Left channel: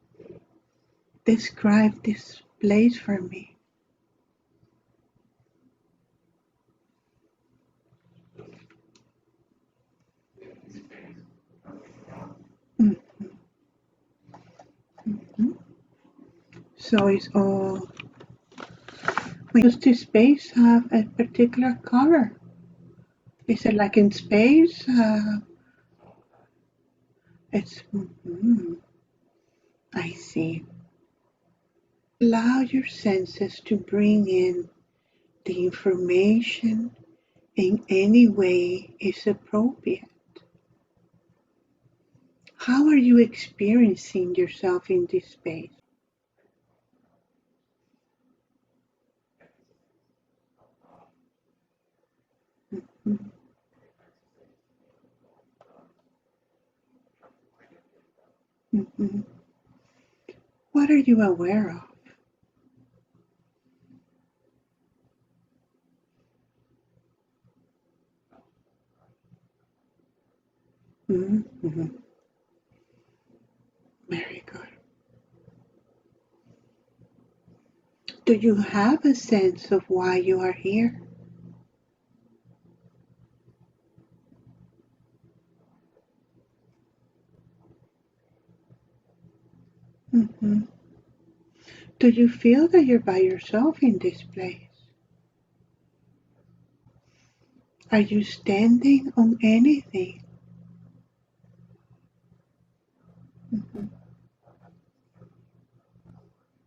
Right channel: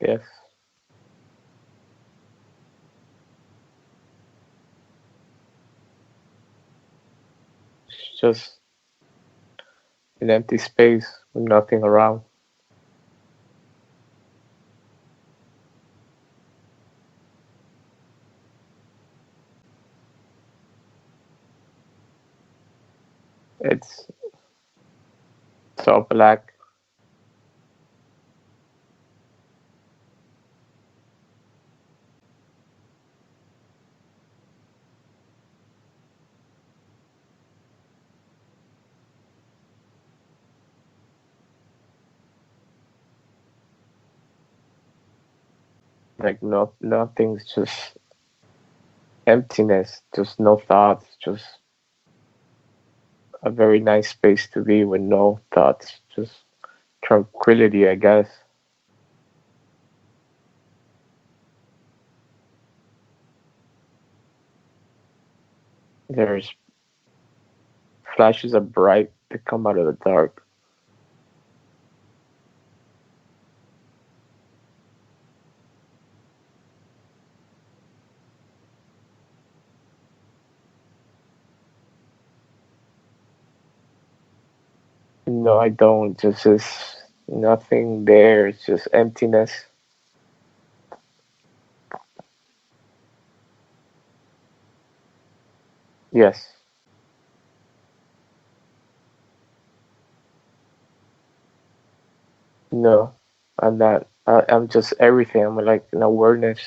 Yes. Describe this place for me. It's just an empty space with nothing around. Mm-hmm. So it's all. Does this space have a particular color? Is it like It's in space? so black. It's. I see. Allow your senses to bring in the information in any way is appropriate. How are you experiencing yourself in this space? Like nothing's just emptiness, just no thoughts, just a very nice space to be with no thoughts, just tranquility, I guess. Mm-hmm. What are you aware of? There's flashes of bright that come out of the dark. Mm-hmm. Very good. Do you have a sense of why you are here? No, I don't. Just nothing there. It's just emptiness. Mm-hmm. Do you feel that you're by yourself in this place? Yes. Are you standing on anything? No, I'm not. I'm just everything. I'm like an awareness.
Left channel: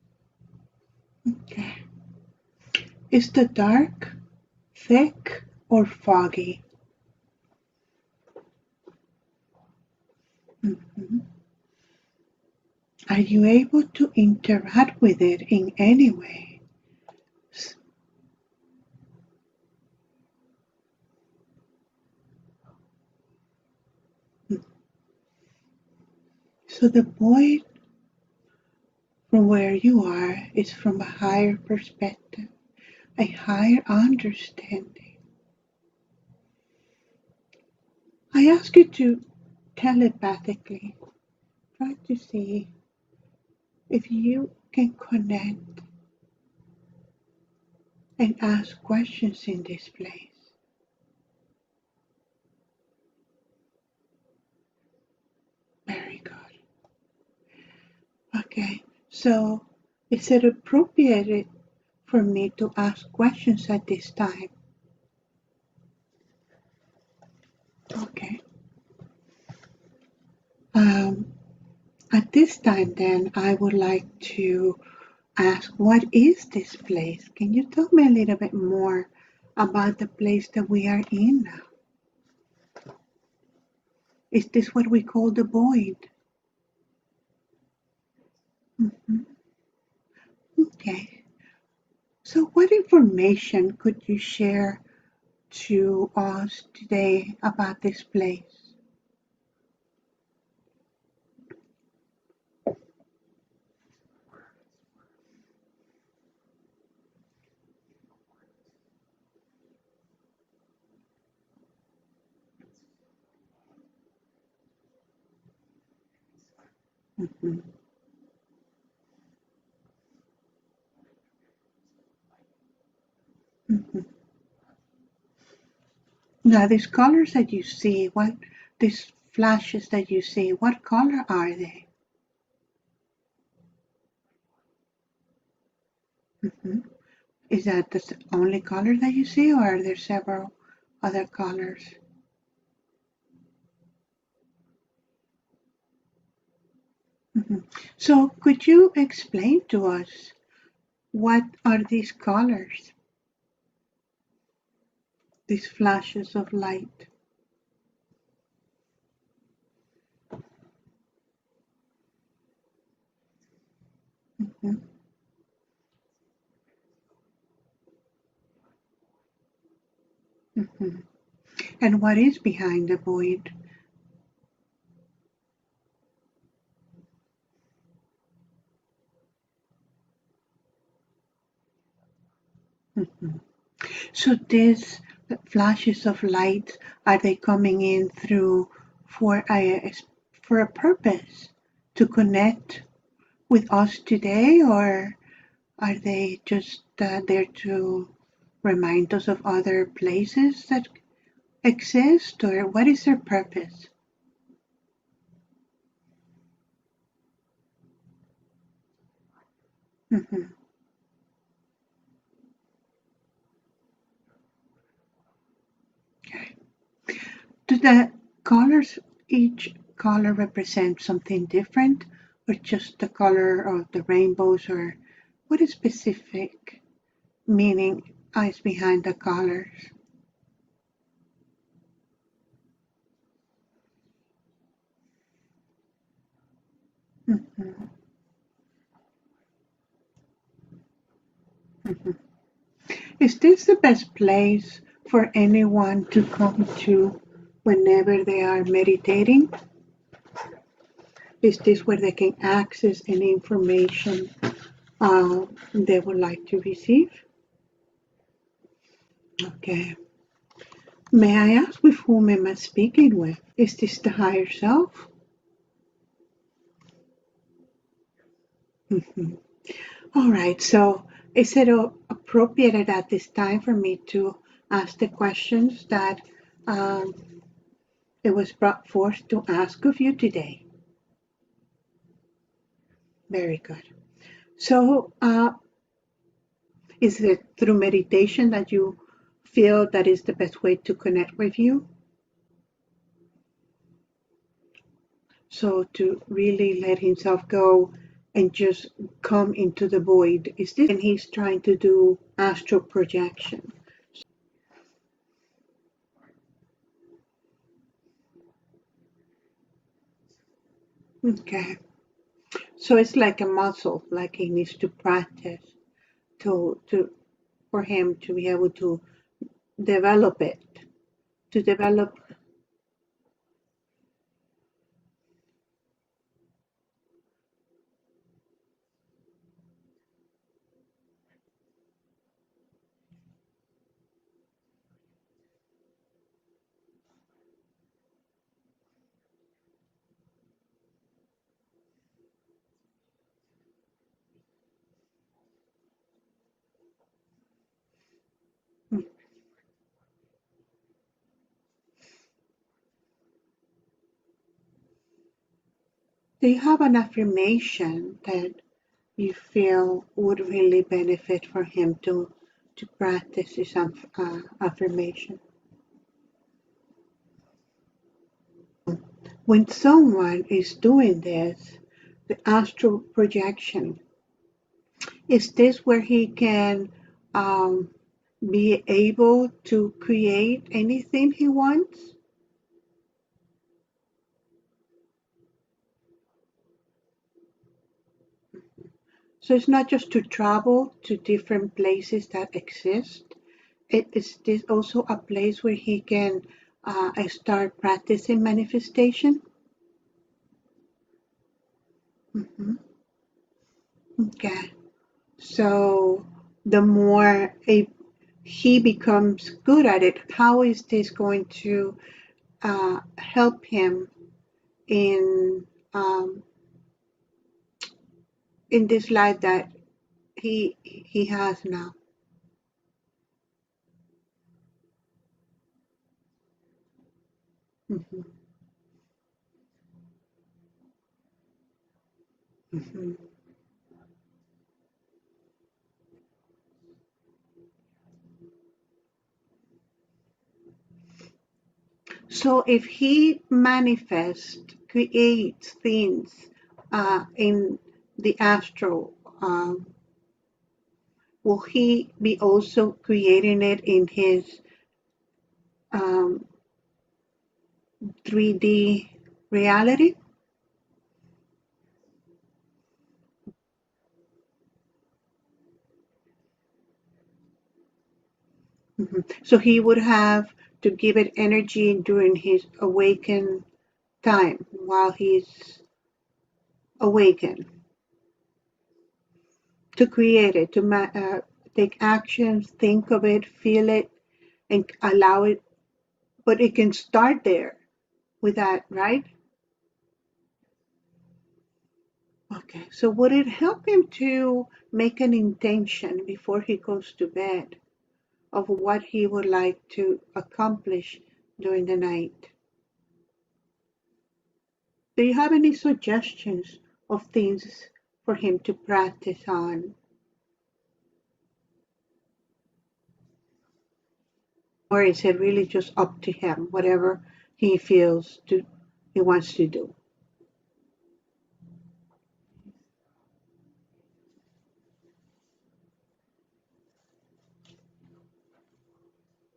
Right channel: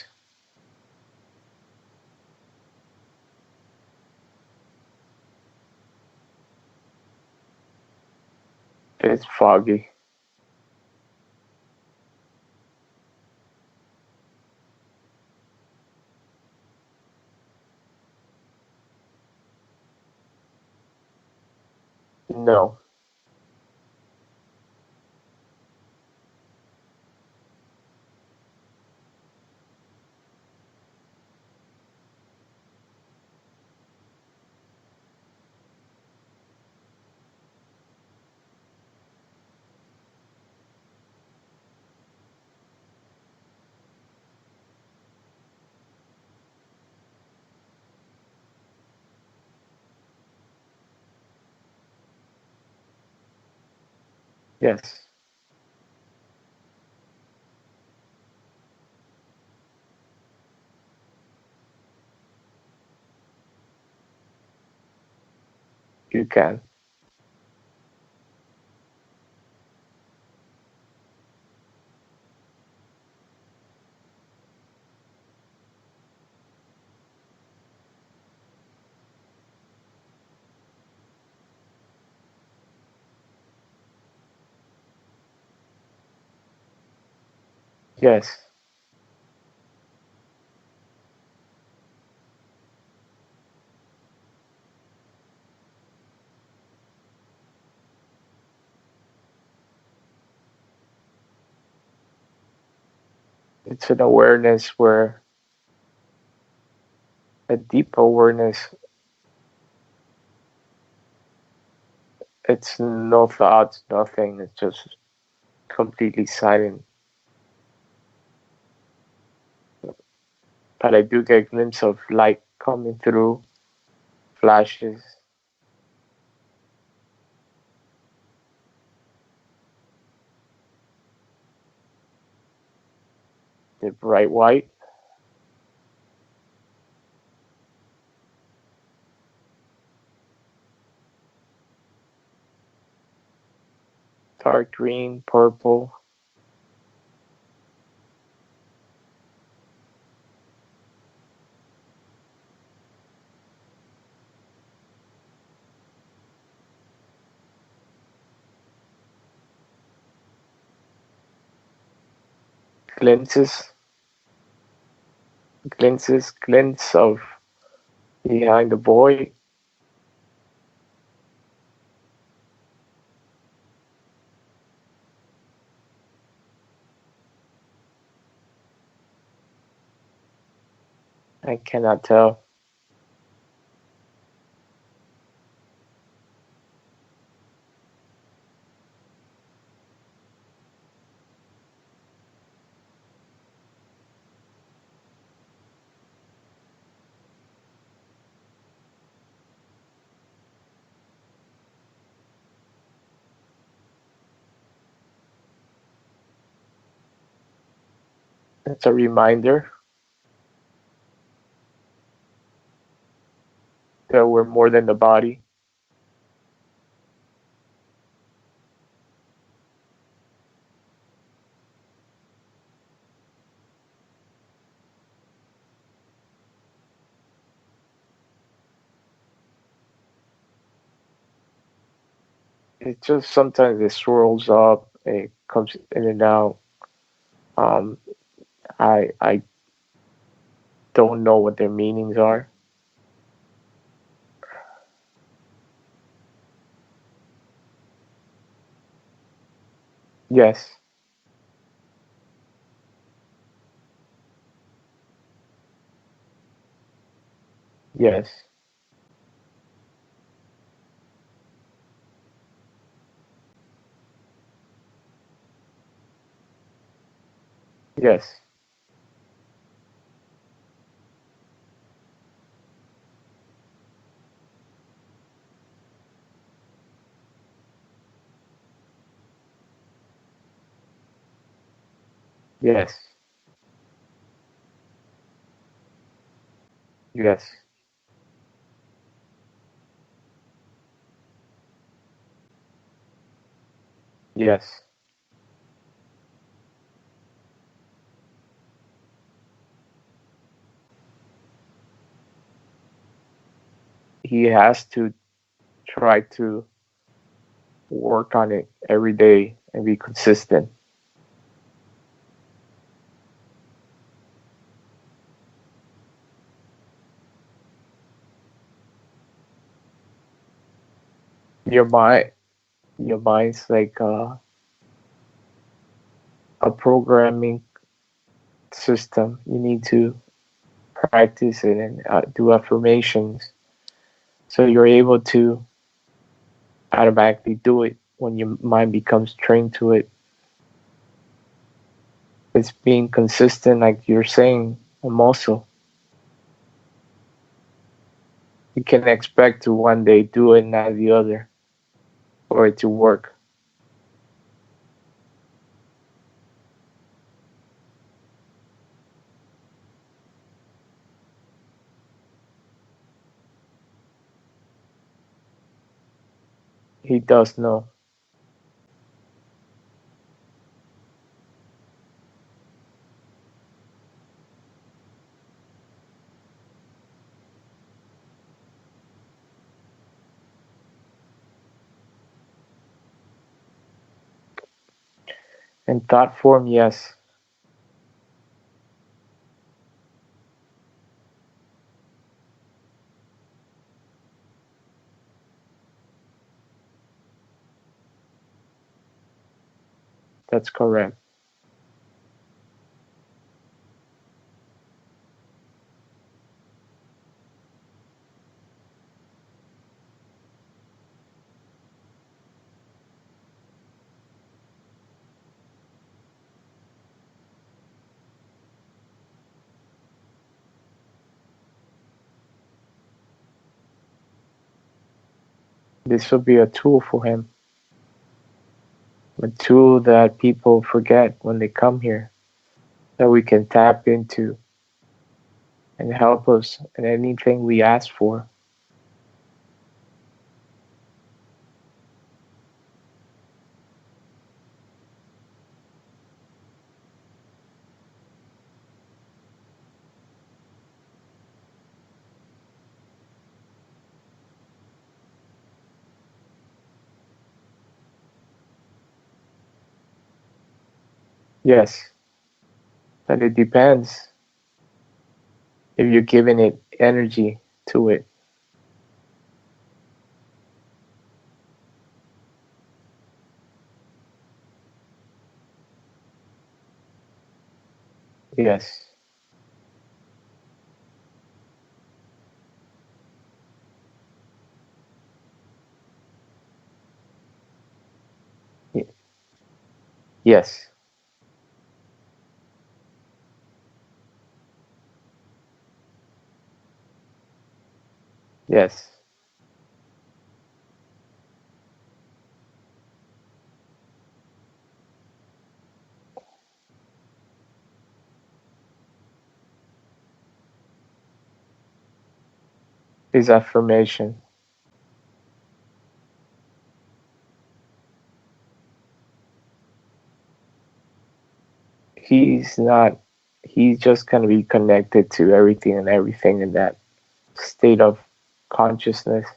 Okay. Is the dark thick or foggy? It's foggy. Mm-hmm. Are you able to interact with it in any way? No. So the void from where you are is from a higher perspective, a higher understanding. I ask you to telepathically try to see if you can connect and ask questions in this place. Yes. Very good. Okay, so is it appropriate for me to ask questions at this time? You can. Okay. Um, at this time, then, I would like to ask, what is this place? Can you tell me a little bit more about the place that we are in now? Is this what we call the void? Yes. Mhm. Okay. So, what information could you share to us today about this place? It's an awareness where a deep awareness. It's no thoughts, nothing. It's just completely silent. Mhm. But I do get a glimpse of light coming through, Mhm. flashes. Now, these colors that you see, these flashes that you see, what color are they? The bright white, Mhm. Is that the only color that you see, or are there several other colors? dark green, purple. Mhm. So, could you explain to us what are these colors, these flashes of light? Glimpses, Mhm. glimpse of behind the void. Mhm. And what is behind the void? I cannot tell. Mhm. So, these flashes of light, are they coming in through for a for a purpose to connect with us today, or are they just there to remind us of other places that exist, or what is their purpose? It's a reminder Mm-hmm. that we're more than the body. Okay. Do the colors, each color represent something different, or just the color of the rainbows, or what is specific meaning is behind the colors? It just sometimes it swirls up, it comes in and out. Mm-hmm. Um, I don't know what their meanings are. Is this the best place for anyone to come to whenever they are meditating? Yes, Is this where they can access any information they would like to receive? yes, Okay. May I ask with whom am I speaking with? Is this the higher self? yes. Mhm. All right. So, is it appropriate at this time for me to ask the questions that um, it was brought forth to ask of you today? Yes, Very good. So, is it yes, through meditation that you feel that is the best way to connect with you? yes. So, to really let himself go and just come into the void. Is this when he's trying to do astral projection? He has to try to work on it every day and be consistent. Okay. So it's like a muscle, like he needs to practice to for him to be able to develop it, to Your develop. mind, your mind's like a programming system. You need to practice it and do affirmations so you're able to automatically do it when your mind becomes trained to it. It's being consistent, like you're saying, a muscle. You can expect to one day do it, not the other, for it to work. Do you have an affirmation that you feel would really benefit for him to practice this affirmation? He does know. When someone is doing this, the astral projection, is this where he can um, be able to create anything he wants? In thought form, yes, So it's not just to travel to different places that exist. It is this also a place where he can start practicing manifestation? that's correct. Mhm. Okay. So the more he becomes good at it, how is this going to help him in um, in this life that he has now? This will be a tool for him, Mhm, a tool that people forget when they come here, mhm. that we can tap into and help us in anything we ask for. So if he manifests, creates things in the astral, will he be also creating it in his um, 3D reality? Yes, but it depends if you're giving it energy to it. Mhm. So he would have to give it energy during his awakened time while he's awakened Yes, to create it, to take actions, think of it, feel it, and allow it. But it can start there with that, right? yes, Okay, so would it help him to make an intention before he goes to bed of what Yes. he would like to accomplish during the night? Do you have any suggestions of things for him to practice on? His affirmation. Or is it really just up to him, whatever he feels he wants to do? He's not, he's just going to be connected to everything and everything in that state of consciousness.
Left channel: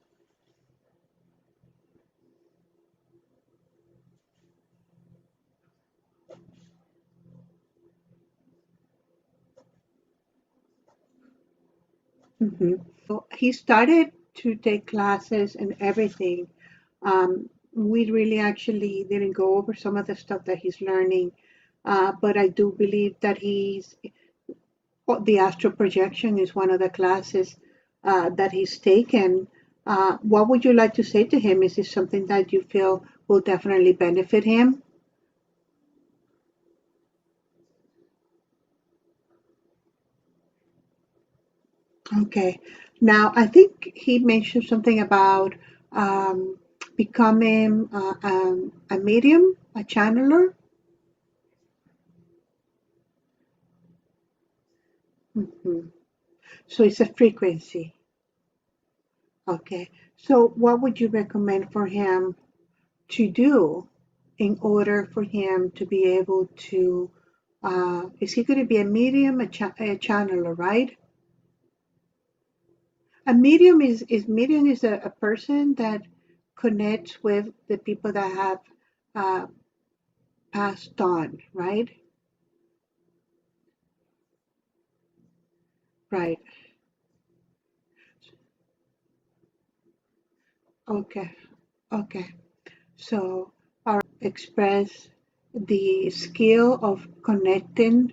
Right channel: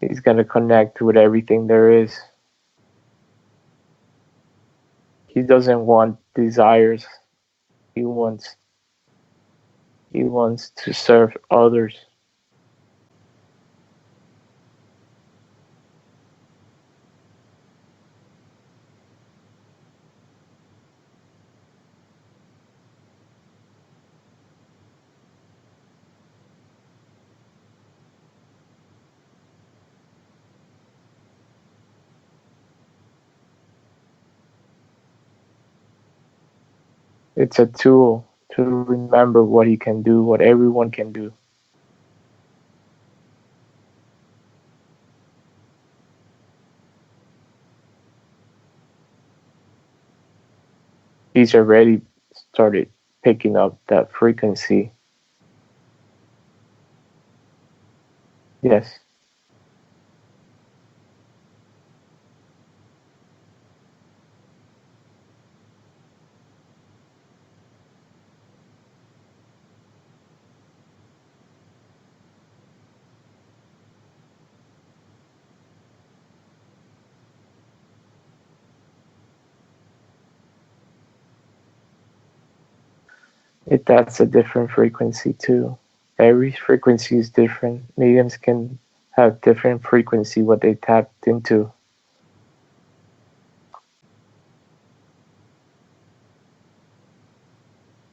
He's going to connect with everything there is. He doesn't want desires. He wants he wants to serve others. Mm-hmm. So he started to take classes and everything. We really actually didn't go over some of the stuff that he's learning, but I do believe that the astral projection is one of the classes that he's taken. What would you like to say to him? Is this something that you feel will definitely benefit him? It's a tool to remember what he can do, what everyone can do. Okay. Now, I think he mentioned something about um, becoming a medium, a channeler. He's already started picking up that frequency. Mhm. So it's a frequency. Yes. Okay. So what would you recommend for him to do in order for him to be able to? Is he going to be a medium, a channeler, right? A medium is a person that connects with the people that have uh, passed on, right? That's a different frequency too. Right. Every frequency is different. Mediums can have different frequency what they tapped Okay. into. Okay. So, all right, express the skill of connecting.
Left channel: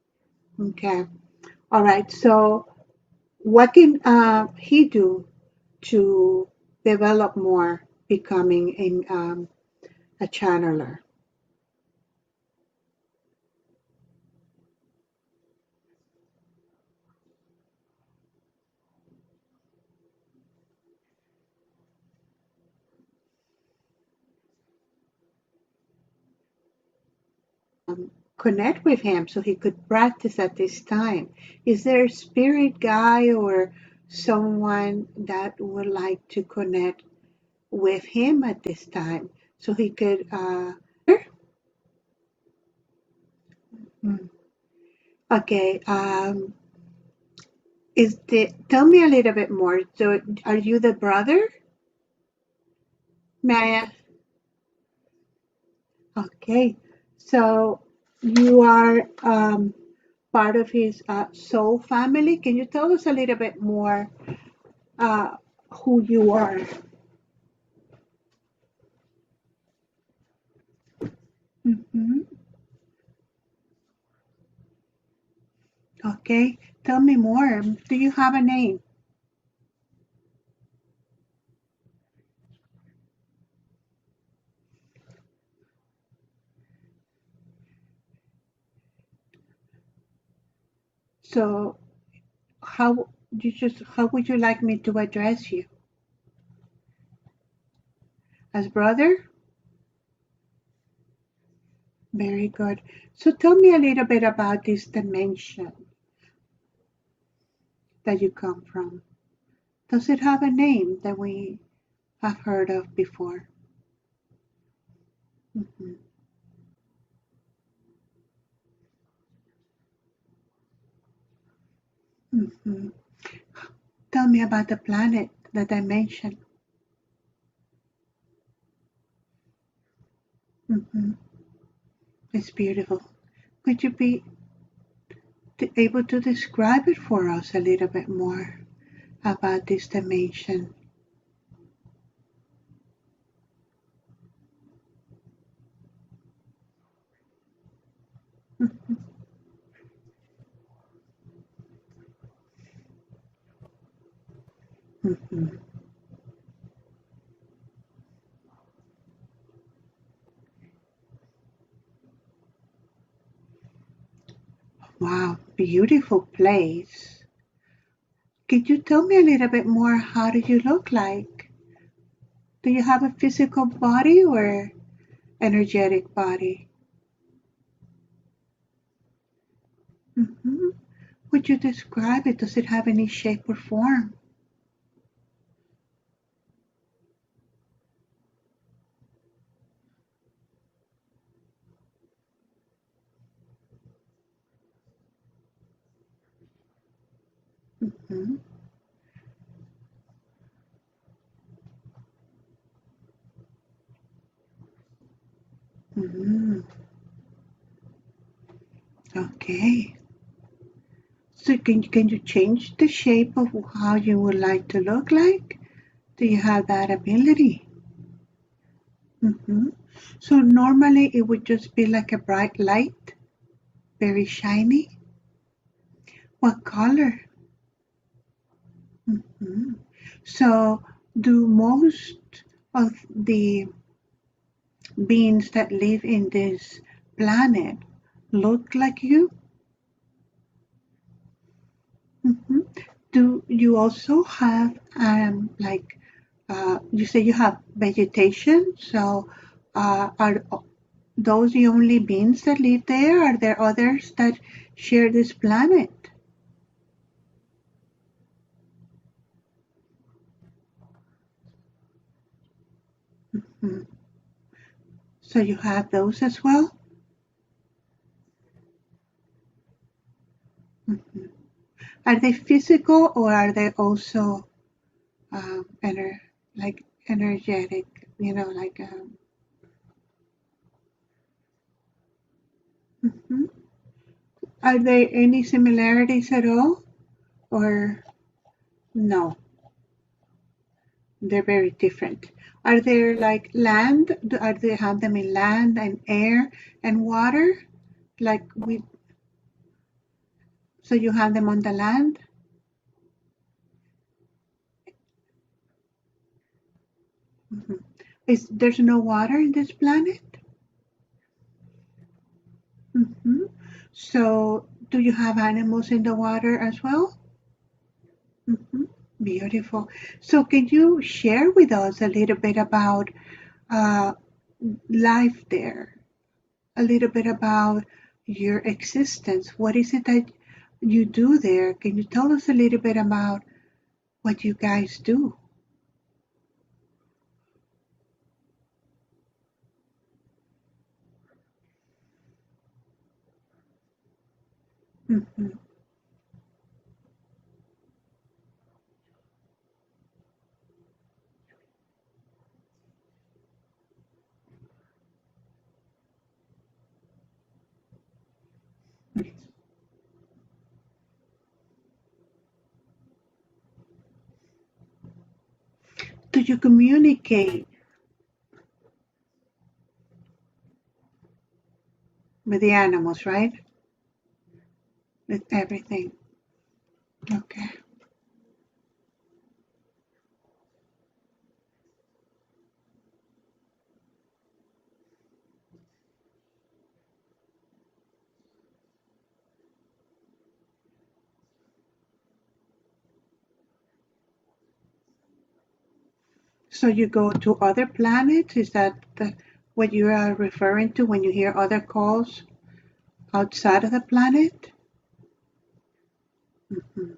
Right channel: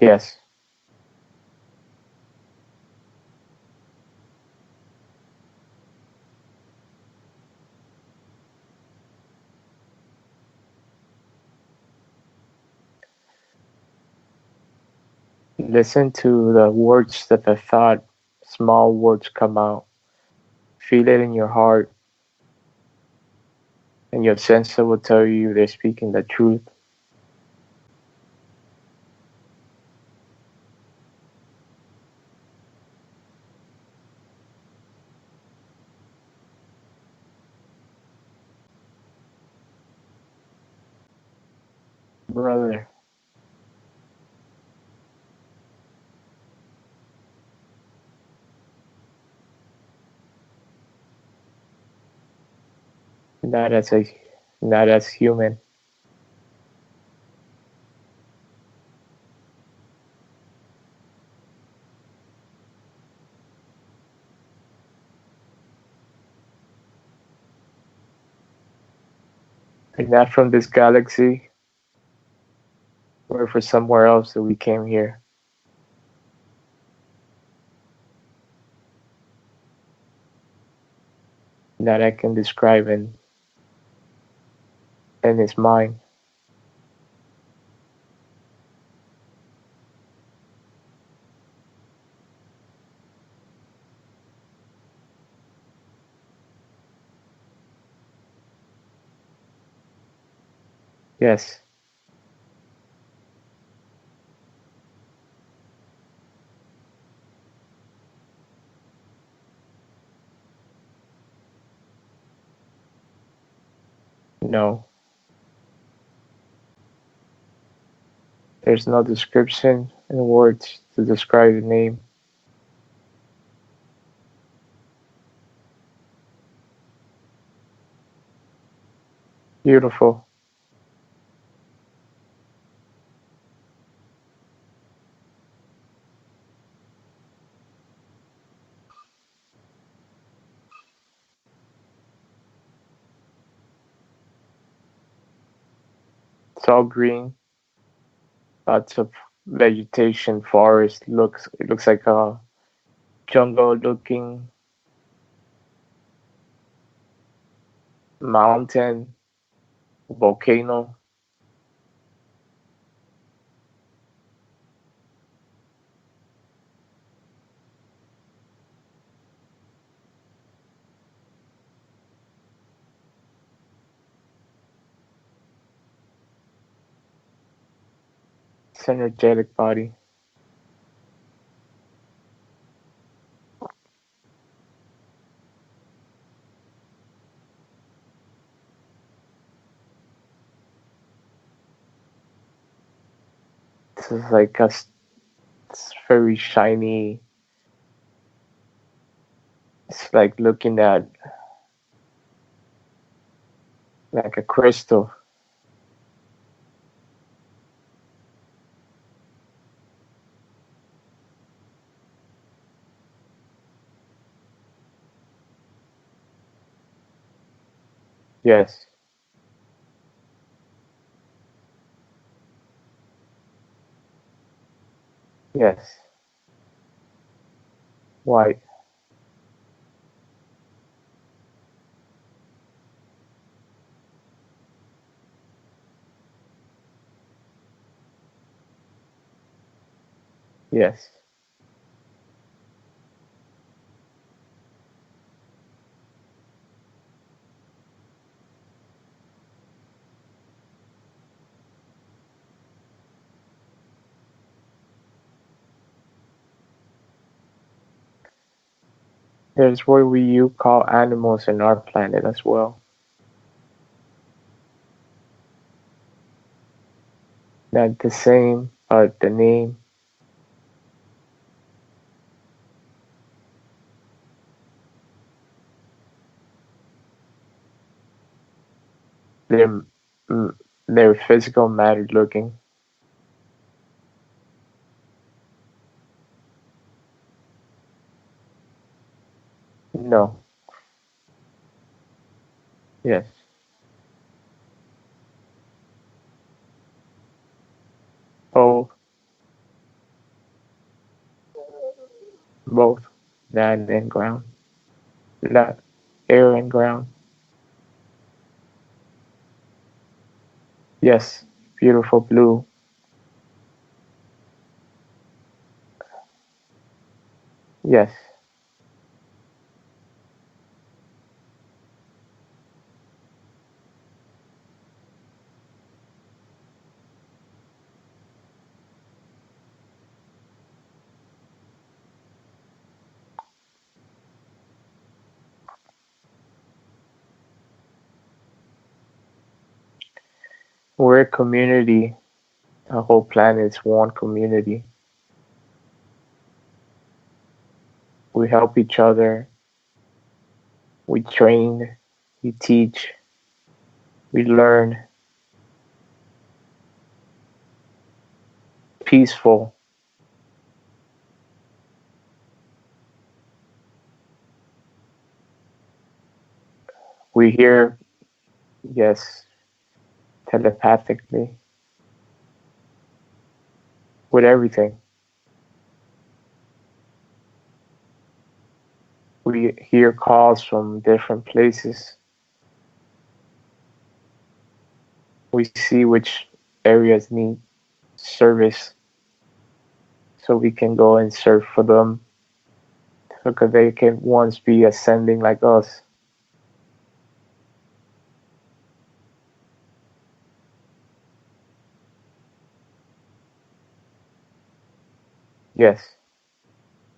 Yes. Okay. All right. So, what can he do to develop more becoming a channeler? Listen to the words that the thought, small words come out. Feel it in your heart, and your sensor will tell you they're speaking the truth. Connect with him so he could practice at this time. Is there a spirit guy or someone that would like to connect with him at this time so he could? Brother, Okay. Tell me a little bit more. So, are you the brother? May I not ask? as a not as human. Okay. So, you are part of his soul family. Can you tell us a little bit more uh, who you are? We're not from this galaxy. Hmm. We're from somewhere else that we came here. Okay. Tell me more. Do you have a name? That I can describe in his mind. So, how would you like me to address you? As brother? Yes. Very good. So, tell me a little bit about this dimension that you come from. Does it have a name that we have heard of before? No. Hmm. There's no description in words to describe the name. Hmm. Tell me about the planet, the dimension. Beautiful. Hmm. It's beautiful. Could you be able to describe it for us a little bit more about this dimension? It's all green. Mm-hmm. Lots of vegetation, forest. It looks like a jungle looking Mm-hmm. mountain. volcano. Wow, beautiful place. Could you tell me a little bit more? How do you look like? Do you have a physical body or energetic body? It's energetic body. Hmm. Would you describe it? Does it have any shape or form? It's like it's very shiny. Hmm. It's like looking at like a crystal. Hmm. Okay. So can you change the shape of how you would like to look like? Do you have that ability? Yes, Hmm. So normally it would just be like a bright light, very shiny. yes. What color? White. Hmm. So do most of the beings that live in this planet look like you? Yes, Hmm. Do you also have like you say you have vegetation? So are those the only beings that live there? Are there others that share this planet? there's what we you call animals in our planet as well. Hmm. So you have those as well? Not the same, but the name. Hmm. Are they physical or are they also like energetic? You know, like They're mm, they're physical matter looking. mhm. Are there any similarities at all or no? No. They're very different. Are there Yes. like land? Are they have them in land and air and water? Like we, Both. so you have them on the land? Both. Land and ground. Not air and ground. Hmm. Is there's no water in this planet? Yes. Beautiful blue. Hmm. So do you have animals in the water as well? Yes. Hmm. Beautiful. So can you share with us a little bit about uh, life there? A little bit about your existence. What is it that you do there? Can you tell us a little bit about what you guys do? We're a community. The whole planet is one community. Hmm. We help each other. We train. We teach. We learn. Peaceful. Do you We communicate hear, yes, telepathically with the animals, right? with everything. With everything. Okay. We hear calls from different places. We see which areas need service so we can go and serve for them because they can once be ascending like us. So you go to other planets? Is that what you are referring to when you hear other calls outside of the planet? Yes, Hmm.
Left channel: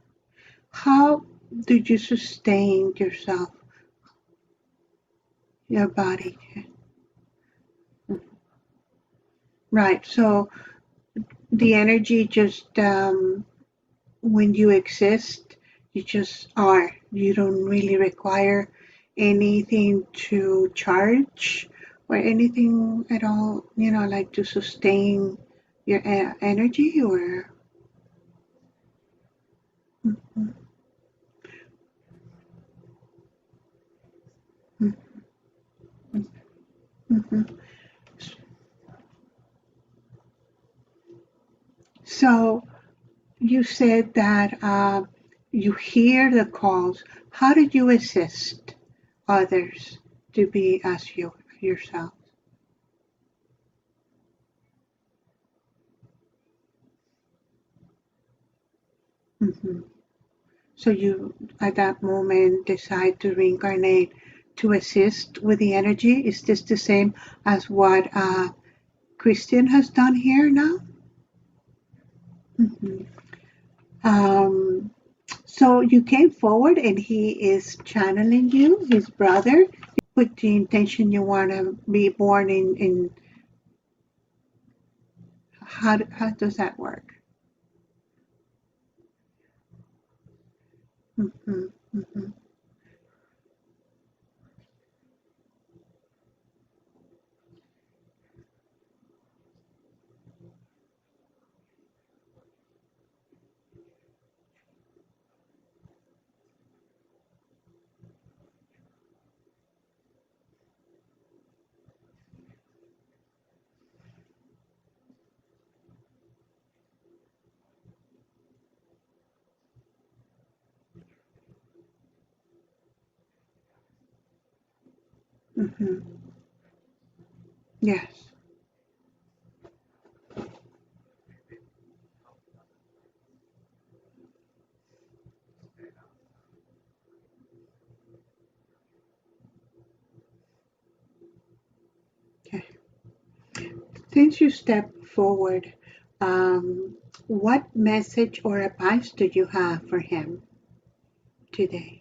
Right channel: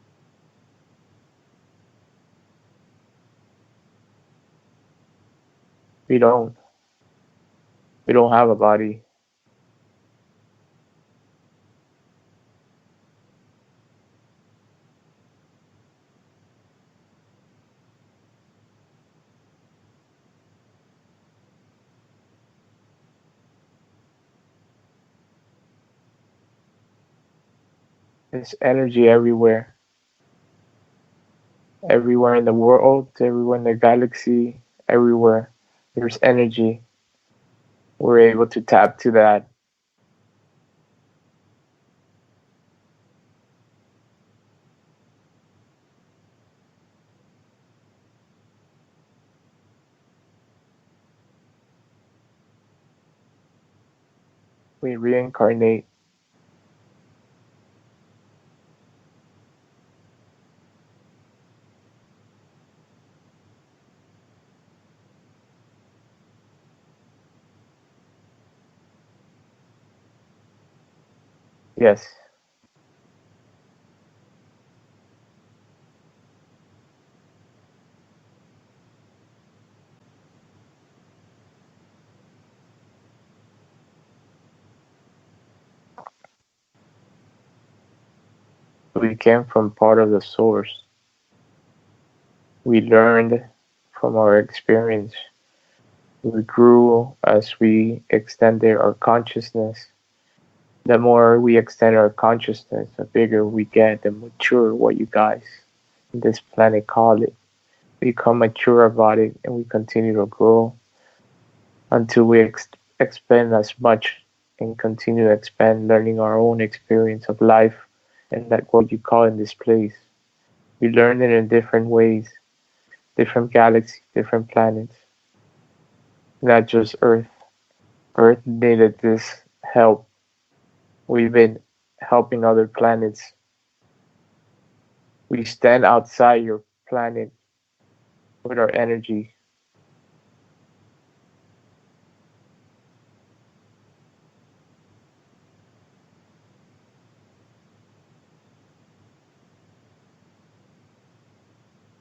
How do you sustain yourself, your we body? don't we don't have a body. Right. So the energy just when you exist, you just are. You don't really require anything to charge or anything at all, like to sustain your energy or. There's energy everywhere. Mhm, Everywhere in the world, everywhere in the galaxy, everywhere. There's energy. mhm. We're able to tap to that. So you said that you hear the calls. How did you assist others to be as yourself? We reincarnate. Hmm. So you, at that moment, decide to reincarnate to assist with the energy. Is this the same as what Christian has done here now? Yes, Hmm. Um, so you came forward and he is channeling you, his brother, with the intention you want to be born in how does that work? we came from part of the source. Hmm. Hmm. We learned from our experience. We grew as we extended our consciousness. The more we extend our consciousness, the bigger we get, the mature what you guys in this planet call it. We become mature about it and we continue to grow until we expand as much and continue to expand, learning our own experience of life and that what you call in this place. We learn it in different ways, different galaxies, different planets, Hmm. not just Earth. Yes. Earth needed this help. We've been helping other planets. We stand outside your planet with our energy. Okay. Since you stepped forward, um, what message or advice do you have for him today?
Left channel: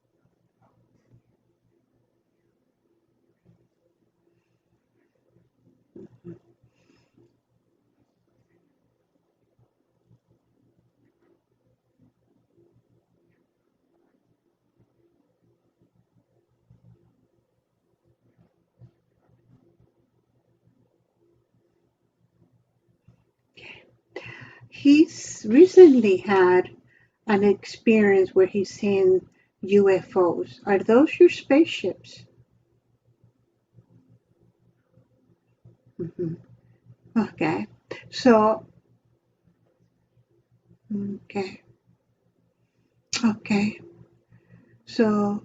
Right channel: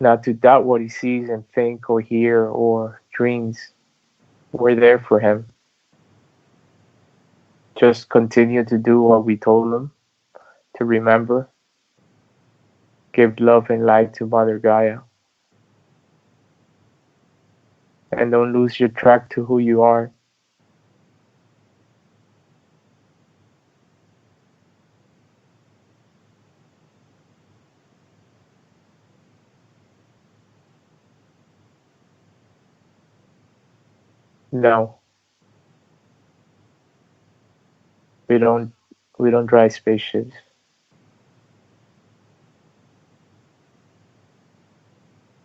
Not to doubt what he sees and think or hear or dreams. We're there for him. Just continue to do what we told him, to remember, give love and light to Mother Gaia, and don't lose your track to who you are. He's recently had an experience where he's seen UFOs. Are those your spaceships? No, Hmm. Okay. we So, don't we don't drive spaceships. okay. Okay. So,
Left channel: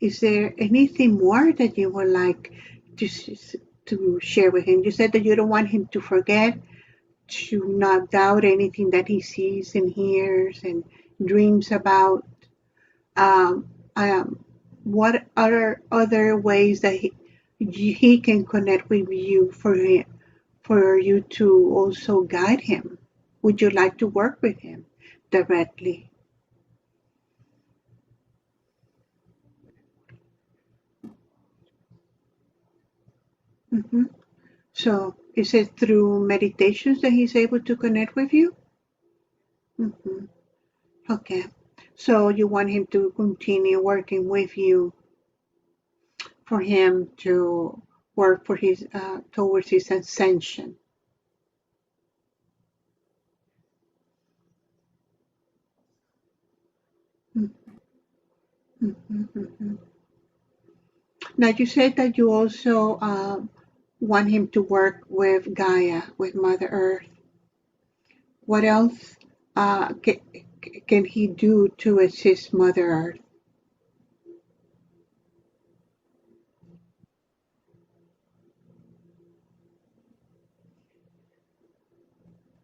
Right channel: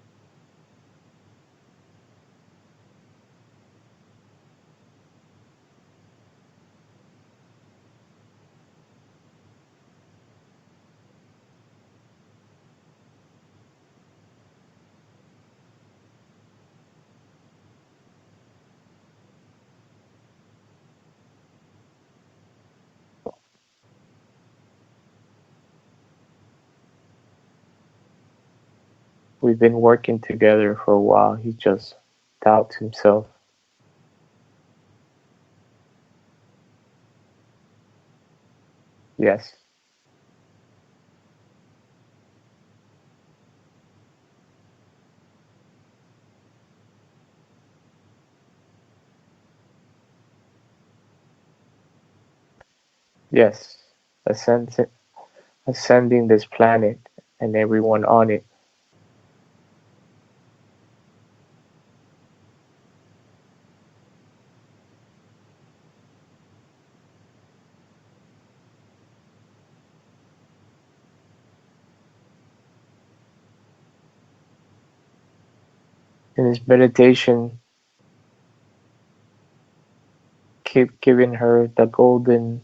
is there anything more that you would like to to share with him? You said that you don't want him to forget, to not doubt anything that he sees and hears and dreams about. Um, um, what other ways that he can connect with you for you to also guide him? Would you like to work with him directly? We've been working together for a while. He just doubts himself. Hmm. So is it through meditations that he's able to connect with you? Yes, Hmm. Okay. So you want him to continue working with you for him to work for his towards his ascension. yes. Ascend- Ascending this planet and everyone on it. Mm-hmm. Now you said that you also want him to work with Gaia, with Mother Earth. What else can he do to assist Mother Earth? In his meditation, keep giving her the golden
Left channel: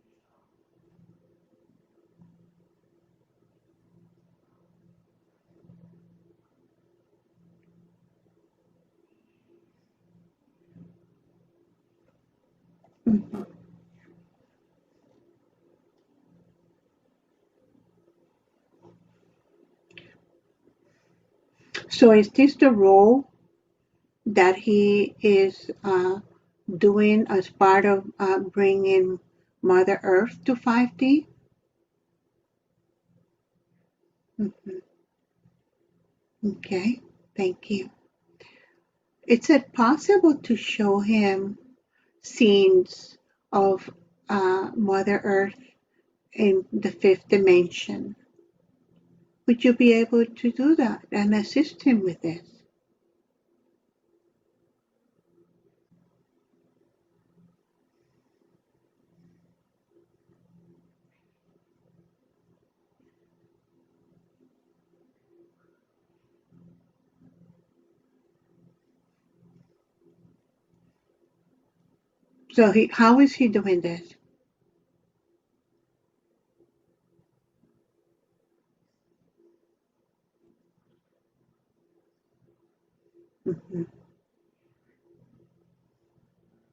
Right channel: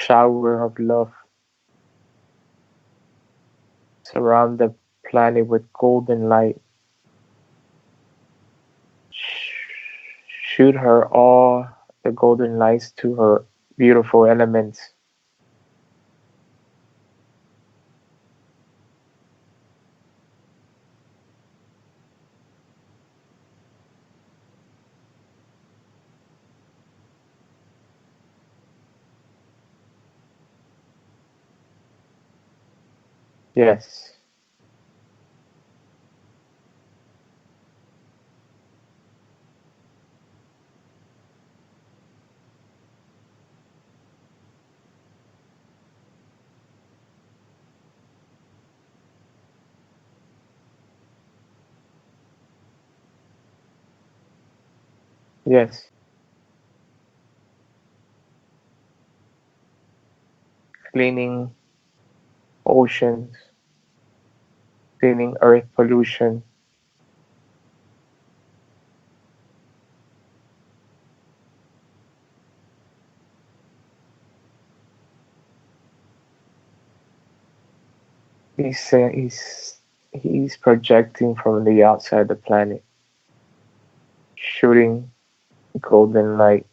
shower of love. Surround the planet with golden light. Shoot her all the golden lights to her beautiful elements. So is this the role that he is doing as part of bringing Mother Earth to 5D? Yes, Mhm. Okay, thank you. Is it possible to show him scenes of Mother Earth in the fifth dimension? Would you be able to do that and assist him with this? yes. Cleaning oceans, cleaning earth pollution, So how is he doing this? He's projecting from the outside the planet, Mhm. shooting golden light.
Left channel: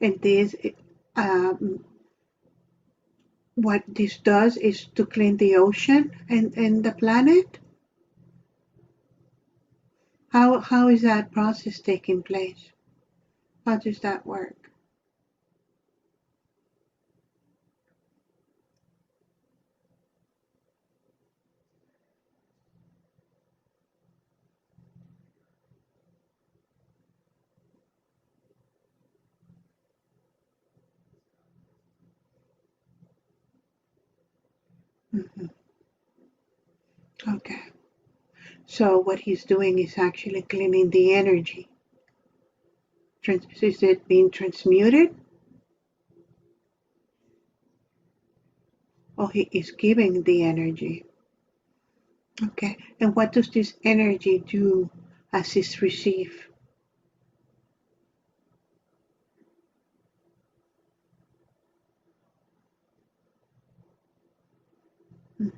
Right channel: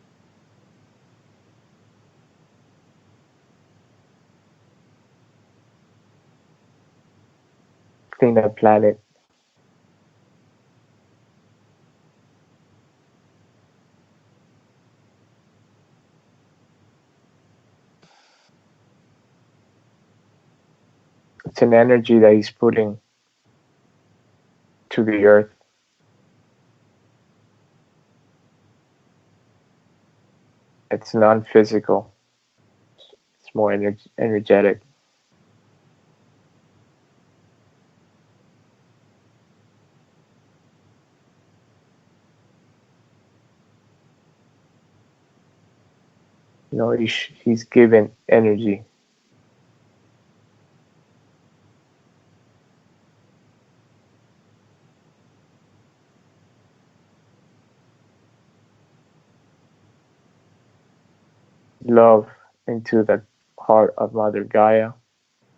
And this, um, what this does is to clean the ocean and the planet. Clean the planet. How is that process taking place? How does that work? It's an energy that he's putting to the earth. It's non-physical. It's more energetic. Mhm. Okay. So what he's doing is actually cleaning the energy. Is it being transmuted? He's given energy. Or he is giving the energy? Okay. And what does this energy do as it's received? Love into the heart of Mother Gaia, Mhm.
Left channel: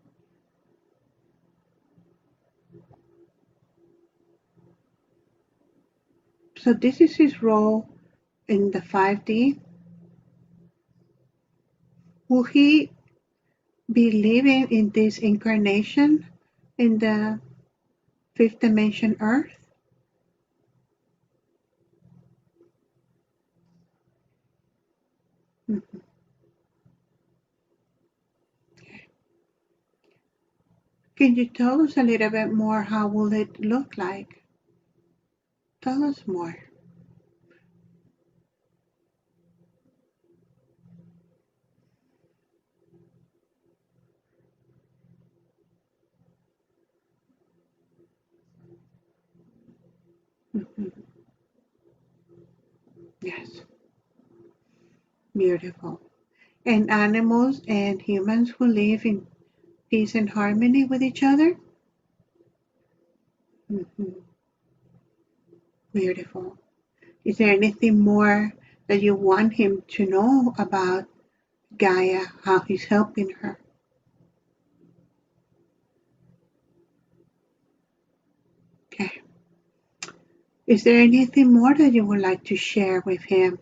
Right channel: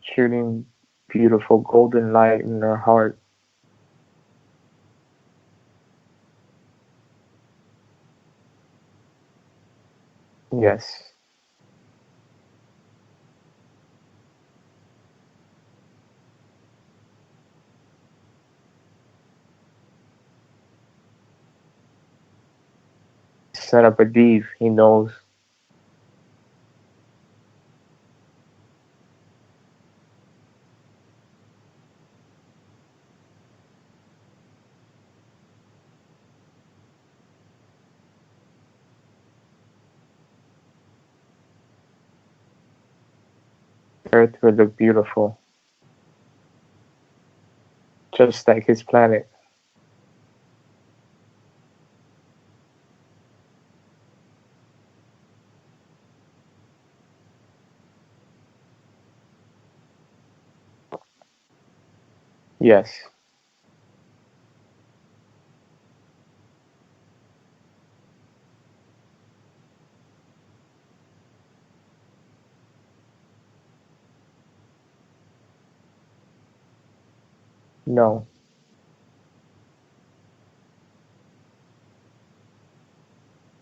shooting beautiful golden light in her heart. So this is his role in the 5D. Yes. Will he be living in this incarnation in the fifth dimension Earth? Set up a deed. He knows. Mhm. Can you tell us a little bit more? How will it look like? Tell us more. Earth will look beautiful, just like his planet. Mhm. Yes, beautiful. And animals and humans will live in peace and harmony with each other? Yes. Mhm. Beautiful. Is there anything more that you want him to know about Gaia, how he's helping her? No. Okay. Is there anything more that you would like to share with him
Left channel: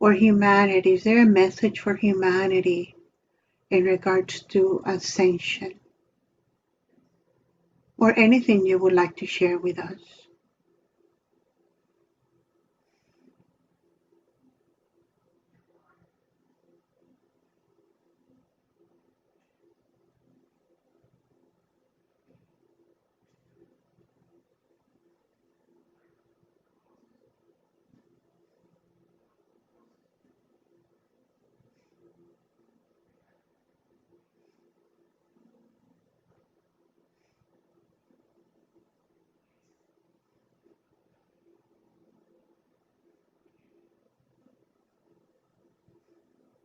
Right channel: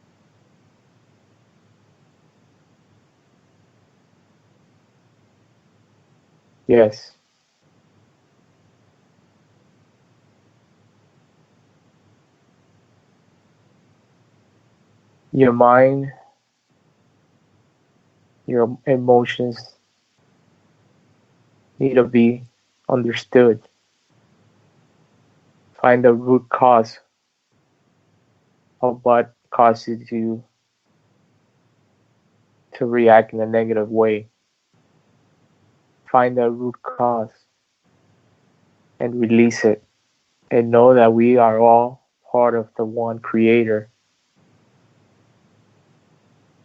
or humanity? Is there a message for humanity in regards to ascension Yes. or anything you would like to share with us? Your mind, your emotions need to be understood. Find the root cause of what causes you to react in a negative way. Find the root cause and release it. And know that we are all part of the one creator.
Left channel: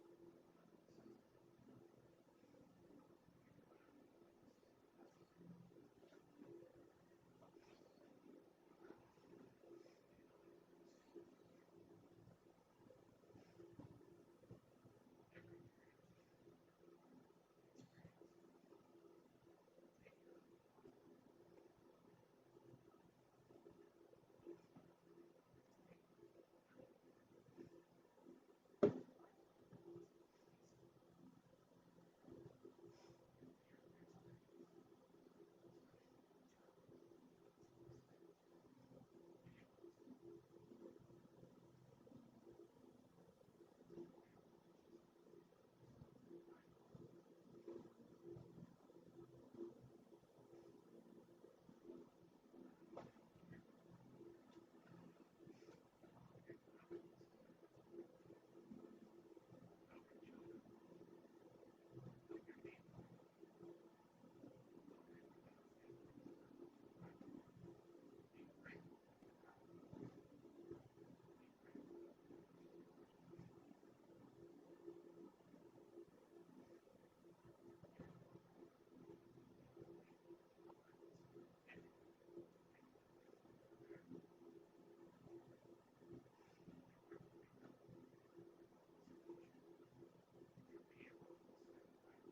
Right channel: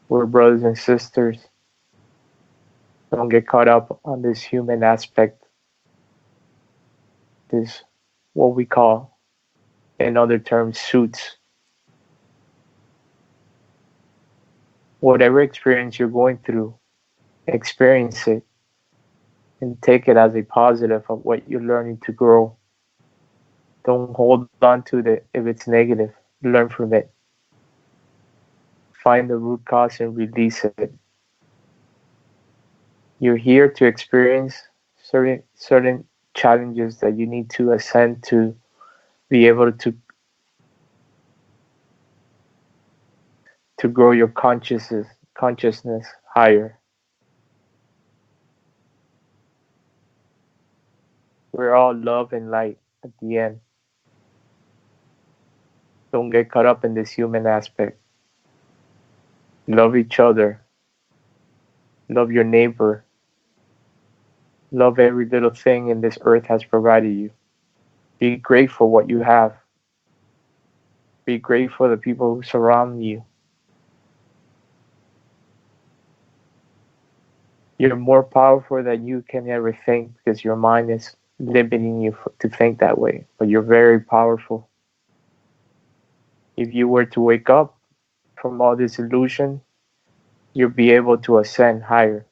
We're brothers and sisters. Don't get caught up on this human aspect, this what we call in other terms suits. Whatever experience you're going through, experience it and take it as a positive of what you're learning to grow. Don't hold on to it if it's negative. Learn from it. Find the root cause and release it. You're here to experience certain challenges that you need to ascend to be able to grow your consciousness higher. We're all love and light at the end. Don't get caught up in this human aspect. Love each other. Love your neighbor. Love every little thing in this earth has provided you. Be grateful what you have. Be grateful for the people who surround you. You're more powerful than you can ever think because your mind is limiting you to think that way. But you're very powerful. If you were to wake up from all this illusion, you'll be able to ascend higher.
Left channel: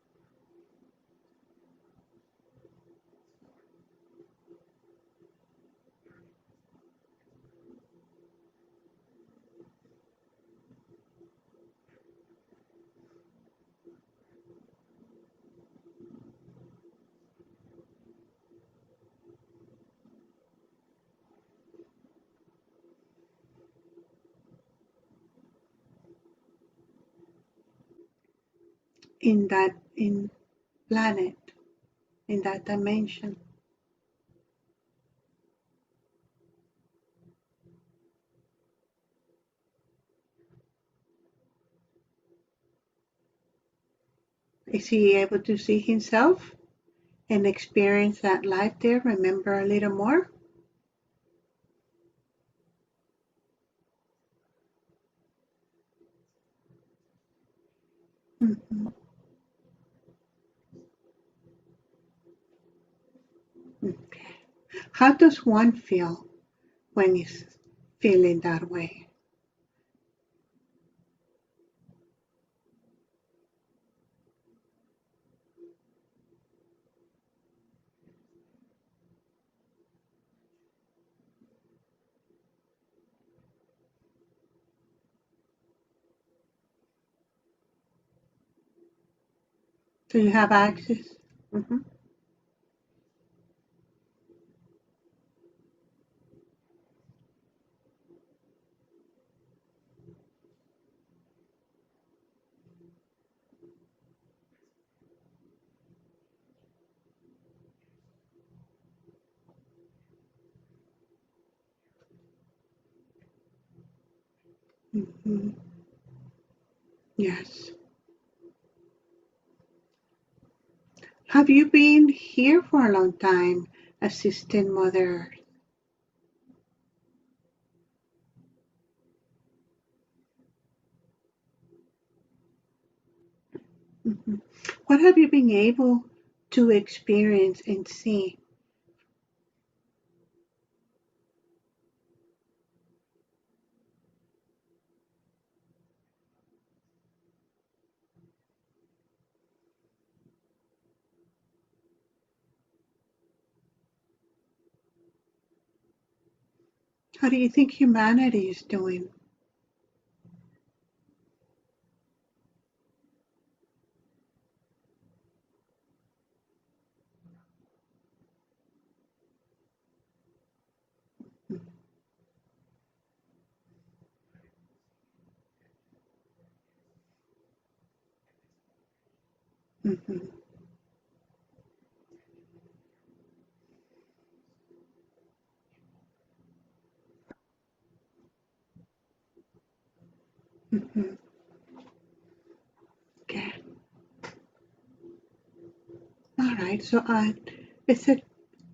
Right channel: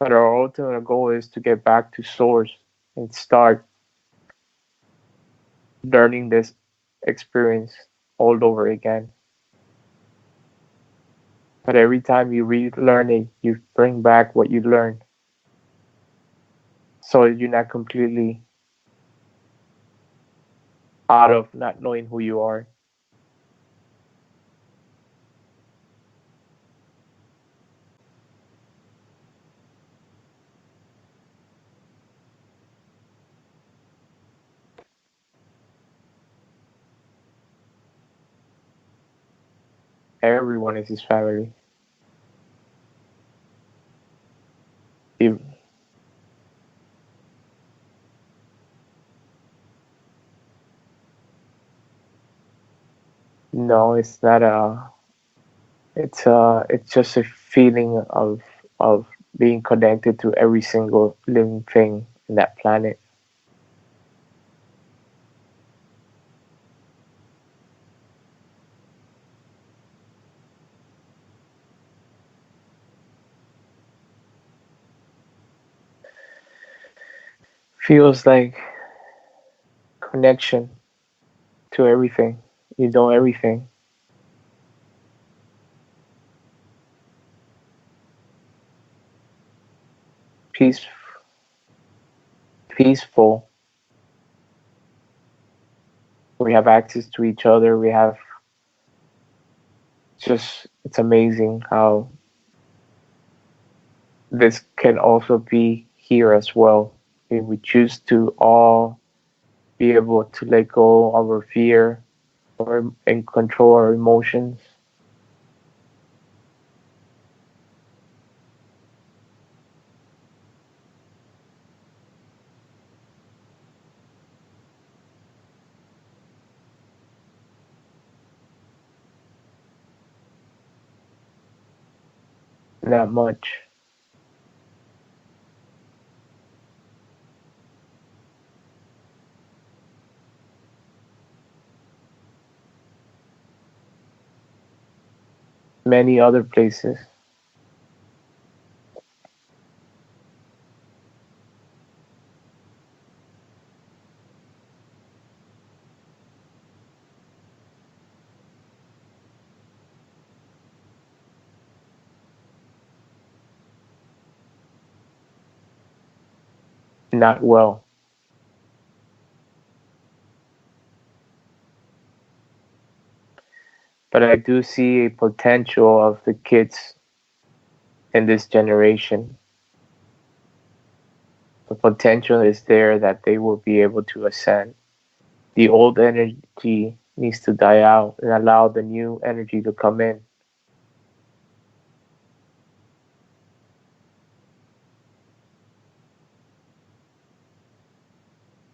But our ultimate goal is to get back to source and start learning this experience all over again. But every time you relearn it, you bring back what you learned. So you're not completely out of not knowing who you are. in planet, in that dimension. Everyone is his family. Is he If able to see himself and experience that life there? Remember a little more? no, it's not a. It's just a feeling Mm-hmm. of being connected to every single living thing in that planet. Okay. How does one feel when he's feeling that way? Feels like connection to everything. You know everything. So you have Peace, access. Mm-hmm. peaceful. We have access to each other. We have just. It's amazing how this can also be here as well. If we choose to all be able to let go of our fear or and control our emotions. Mm-hmm. Yes. Have you been here for a long time, assistant mother? Not much. Mm-hmm. What have you been able to experience and see? Many other places. How do you think humanity is doing? Not well. But I do see a potential of the kids in this generation. Mm-hmm. The potential is there that they will be able to ascend. The old energy needs to die out and allow the new energy to come in. Mm-hmm. Okay. All right. So, is it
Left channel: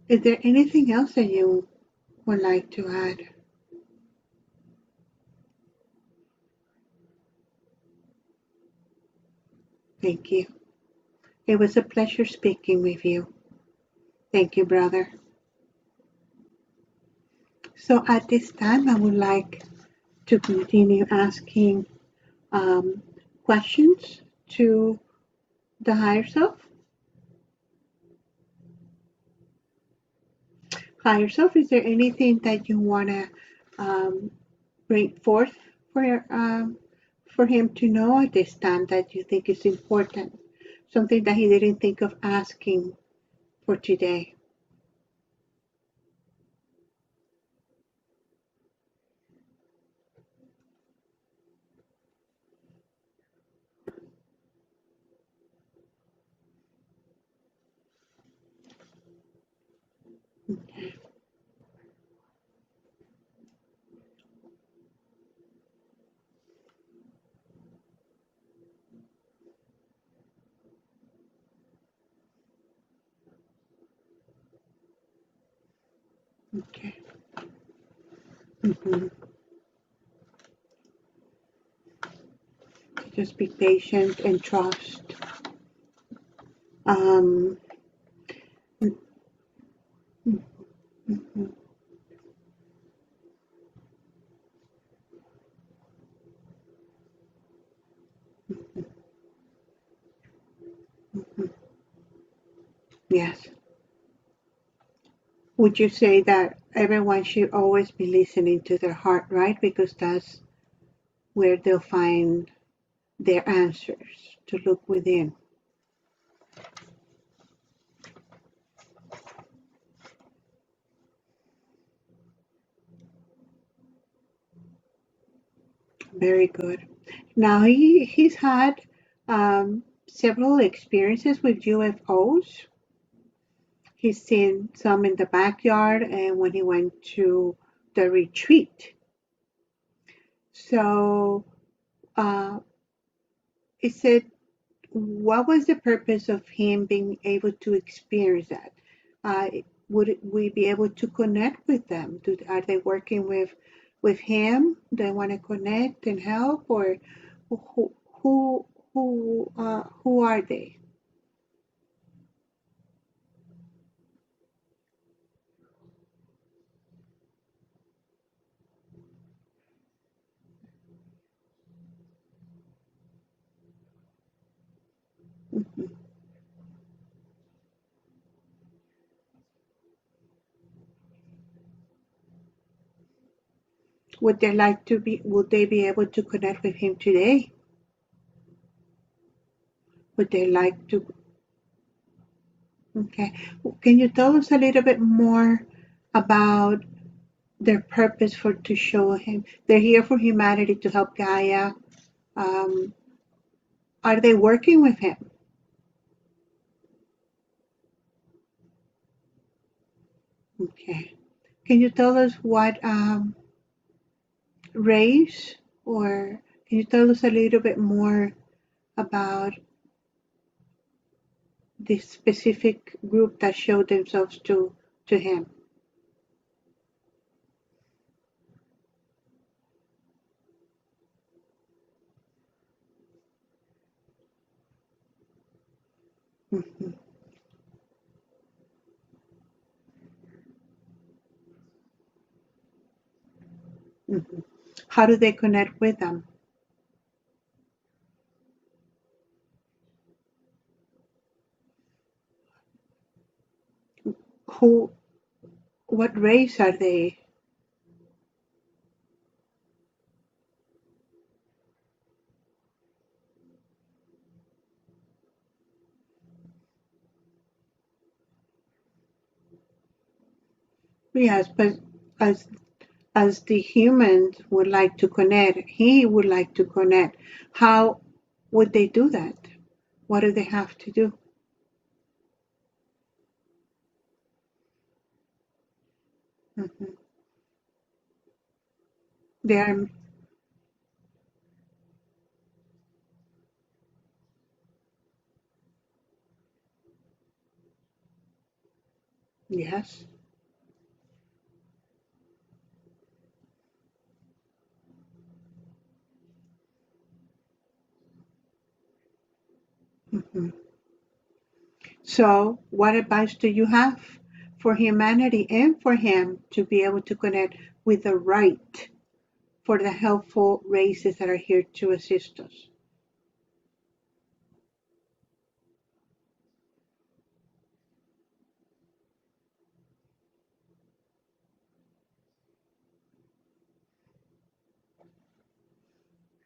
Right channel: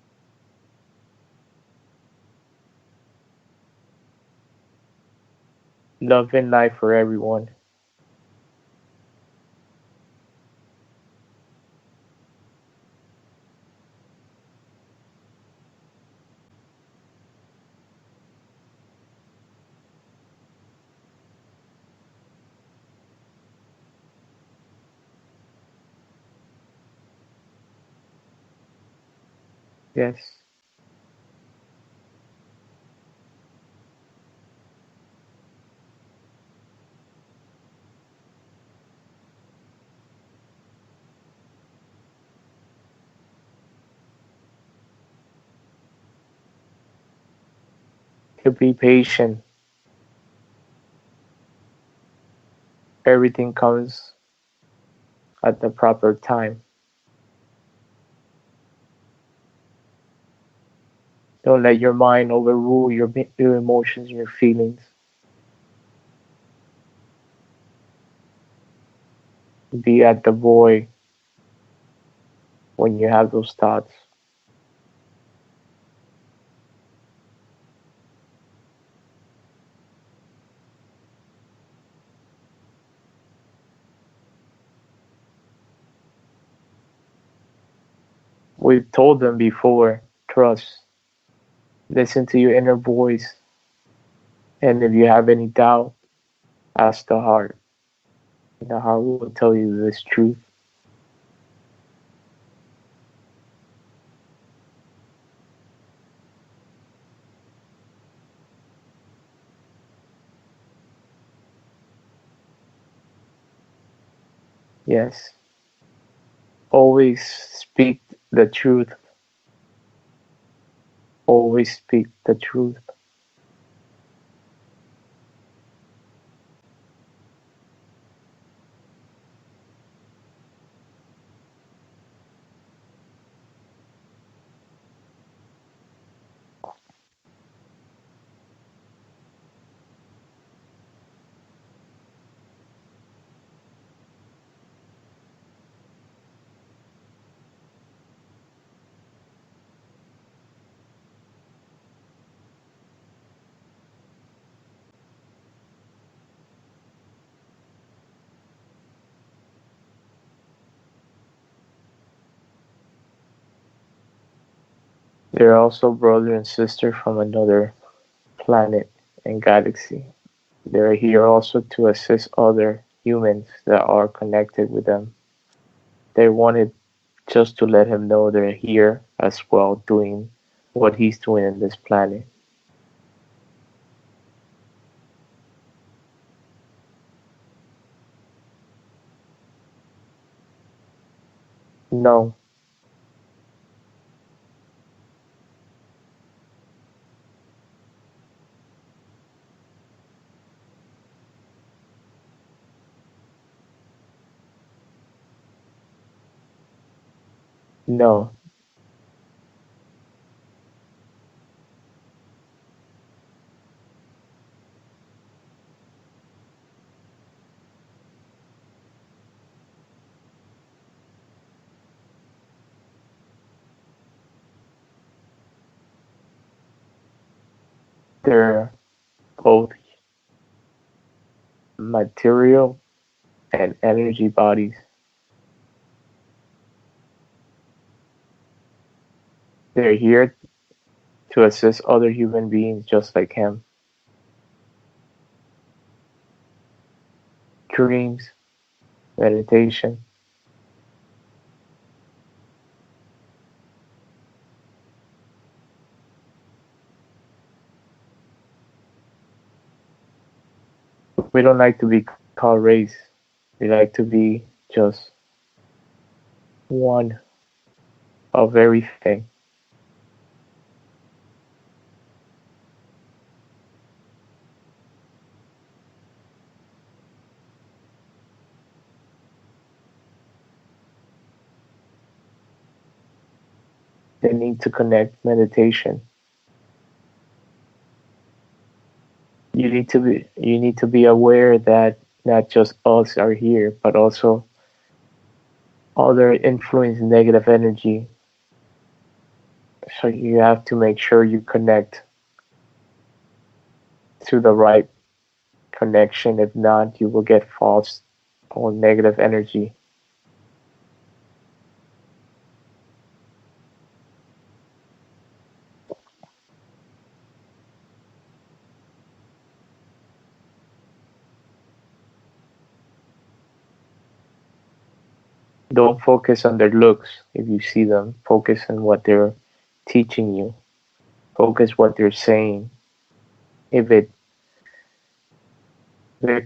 is there anything else that you would like to add? Love and life for everyone. Thank you. It was a pleasure speaking with you. Thank you, brother. So at this time, I would like to continue asking um, questions to the higher self. Yes. Higher self, is there anything that you want to um, bring forth for him to know at this time that you think is important? Something that he didn't think of asking for today. To be patient. Everything comes at the proper time. Don't let your mind overrule your emotions and your feelings. Be at the void when you have those thoughts. Okay. Mm-hmm. Just be patient and trust. Um, We've told them before, trust, mhm, listen to your inner voice, and if you have any doubt, ask the heart. The heart will tell you this truth. mhm. Yes. Would you say that everyone should always be listening to their heart, right? Because that's where they'll find their answers to look Yes. within. Always speak the truth. Always speak the truth. Very good. Now he's had several experiences with UFOs. He's seen some in the backyard and when he went to the retreat. So, uh, is it what was the purpose of him being able to experience that? Uh, would we be able to connect with them? Are they working with him? They want to connect and help, or who who who are they? They're also brother and sister from another planet and galaxy. They're here also to assist other humans that are connected with them. Mhm. They wanted just to let him know they're here as well, doing what he's doing in this planet. Would they like to be? Would they be able to connect with him today? Would they like to? No, Okay. Can you tell us a little bit more about their purpose for to show him they're here for humanity to help Gaia? Um, are they working with him? no, Okay. Can you tell us what race, or can you tell us a little bit more about this specific group that showed themselves to him? they're both material and energy bodies. Hmm. They're here to assist other human beings just like him. Hmm. How do they connect with them? Dreams, meditation. Who? What race are they? We don't like to be called race. We like to be just one of everything. Yes, but as as the humans would like to connect, he would like to connect. How would they do that? What do they have to do? They need to connect meditation. Hmm. You They're need to be aware that not just us are here, but also other influence negative energy. yes. So you have to make sure you connect to the right connection. If not, you will get false or negative energy. Hmm. So, what advice do you have for humanity and for him to be able to connect with the right for the helpful races that are here to assist us? Don't focus on their looks if you see them. Focus on what they're teaching you. Focus what they're saying. If it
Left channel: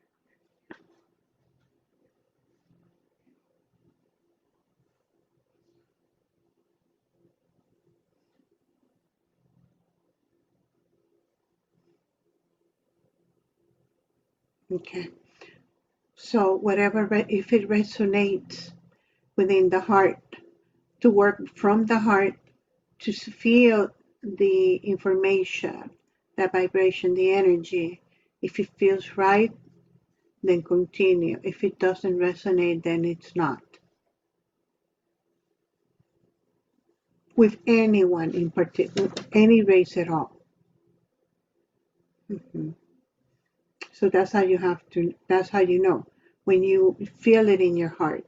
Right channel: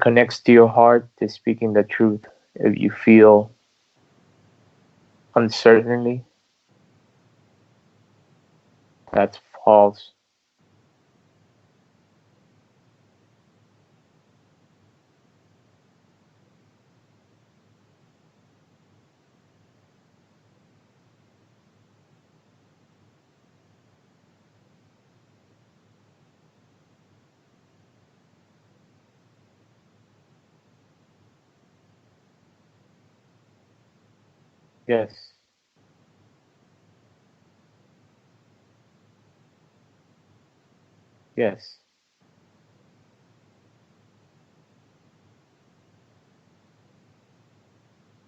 connects to your heart, they're speaking the truth. If you feel uncertainty, that's false. Okay. So, whatever, if it resonates within the heart, to work from the heart to feel the information, that vibration, the energy. If it feels right, then continue. If it doesn't resonate, then it's not. Yes, With anyone in particular, any race at all. yes, Hmm. So that's how you have to. That's how you know. when you feel it in your heart?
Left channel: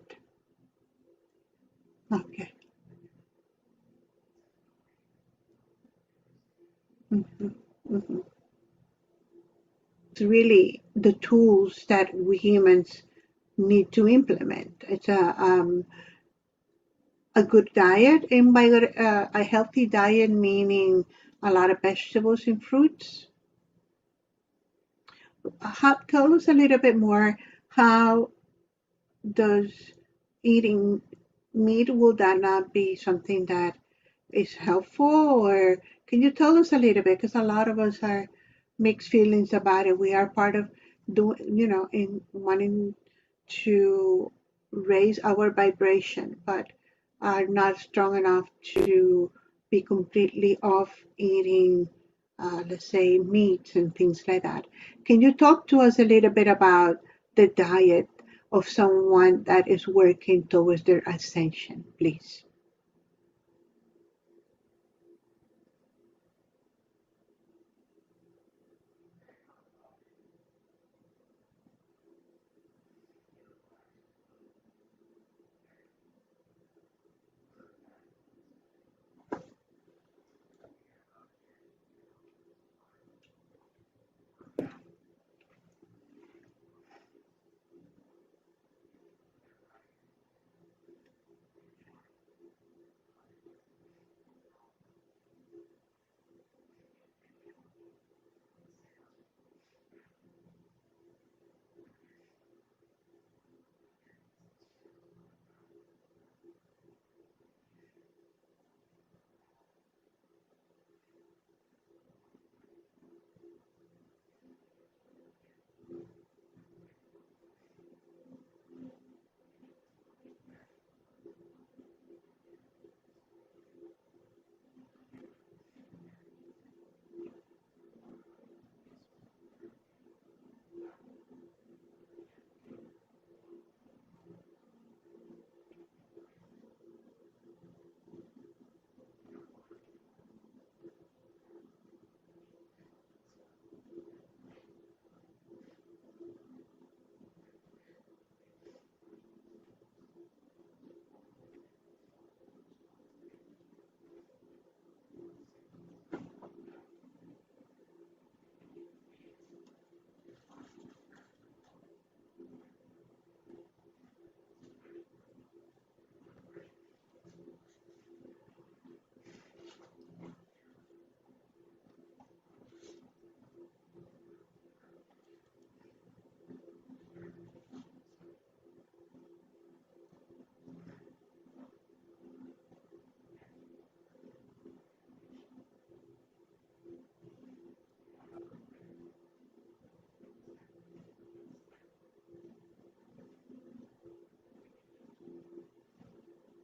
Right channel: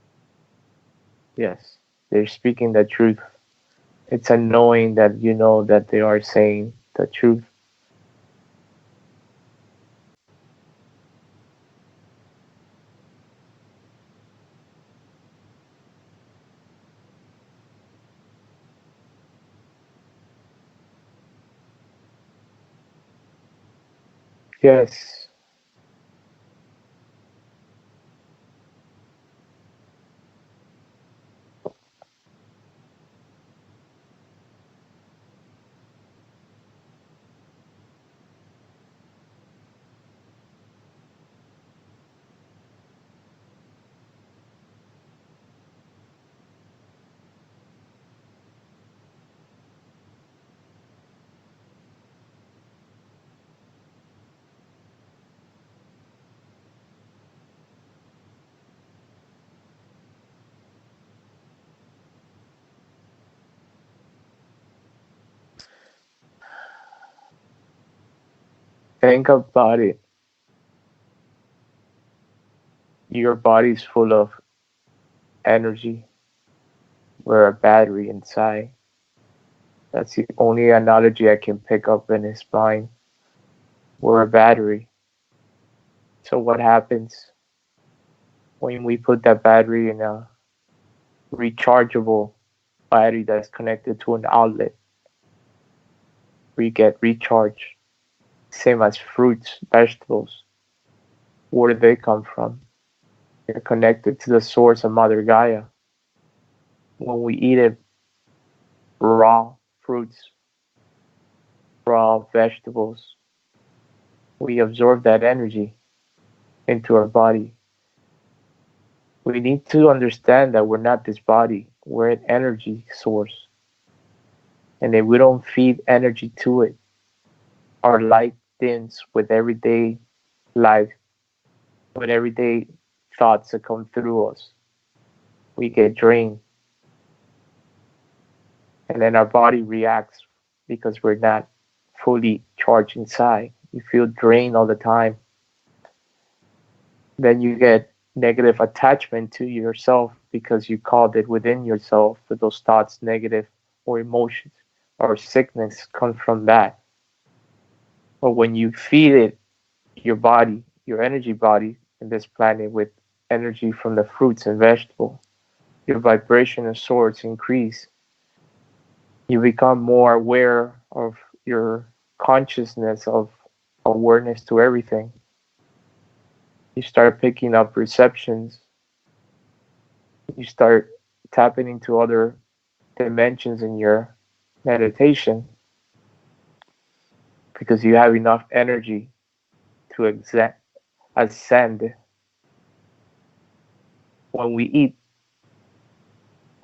Yes, they're Okay. speaking the truth. It's a knowing that you know that they are saying the truth. Hmm. Hmm. It's really the tools that we humans need to implement. It's a good diet, and by good, a healthy diet meaning a lot of vegetables and fruits. Yes, Tell us a little bit more. How does eating meat, will that not be something that is helpful, or can you tell us a little bit? Because a lot of us are mixed feelings about it. We are part of doing, in wanting to raise our vibration, but are not strong enough to be completely off eating, let's say, meats and things like that. Can you talk to us a little bit about the diet of someone that is working towards their ascension, please? think about it. Your body's full of energy. We're a battery inside. That's the only analogy I can pick up in his mind. We're a battery. So what happens when we put that battery in a rechargeable battery that's connected to an outlet? We get recharged. Same as fruits, vegetables. Where do they come from? They're connected to the source of Mother Gaia. When we eat it, raw fruits, raw vegetables, we absorb that energy into our body. We need to understand that we're not this body, we're an energy source. And if we don't feed energy to it, our light dims with everyday life, with everyday thoughts that come through us. We get drained, and then our body reacts because we're not fully charged inside. You feel drained all the time. Then you get negative attachment to yourself because you called it within yourself that those thoughts, negative or emotions or sickness come from that. But when you feed it, your body, your energy body in this planet with energy from the fruits and vegetables, your vibration and source increase. You become more aware of your consciousness of awareness to everything. You start picking up perceptions. You start tapping into other dimensions in your meditation because you have enough energy to ascend. When we eat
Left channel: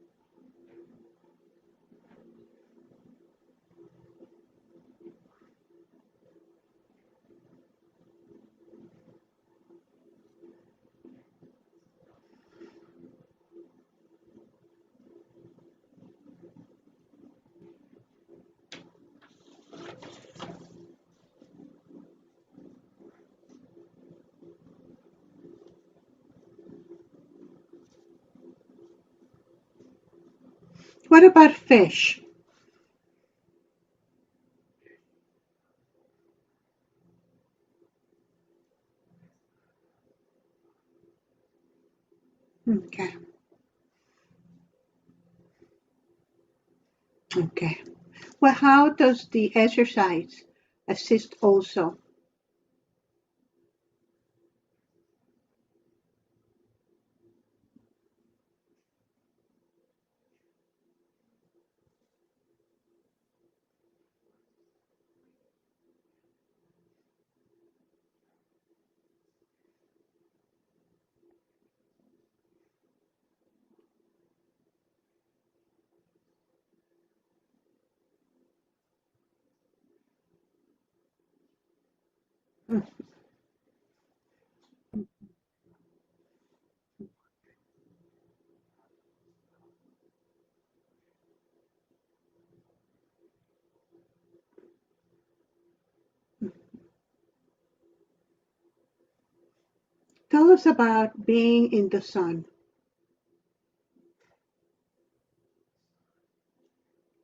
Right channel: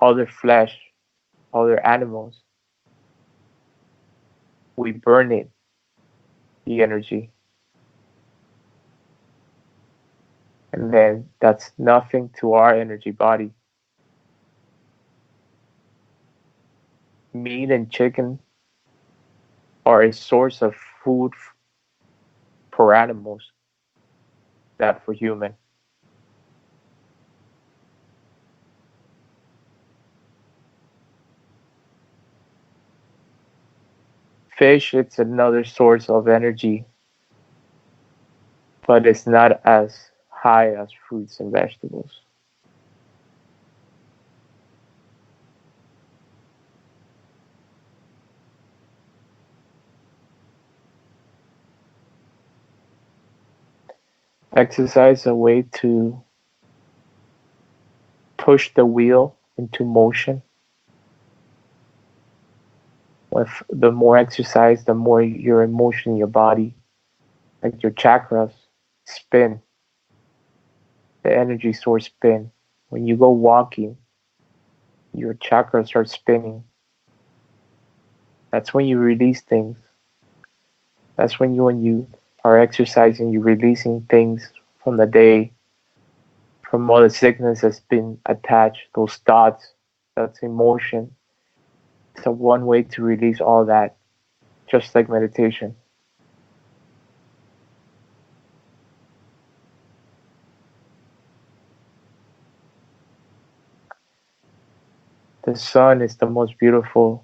other flesh, other animals, we burn it, the energy, and then that's nothing to our energy body. Meat and chicken are a source of food for animals, not for human. What about fish? Fish, it's another source of energy, but it's not as high as fruits and vegetables. Okay, okay. Well, how does the exercise assist also? Exercise is a way to push the wheel into motion. With the more exercise, the more your emotion in your body, like your chakras, spin, the energy source spin. When you go walking, your chakras are spinning. That's when you release things. That's when you are exercising, you're releasing things from the day, from all the sickness that's been attached, those thoughts, that's emotion. It's a one way to release all that, just like meditation. Tell us about being in the sun. The sun is the most beautiful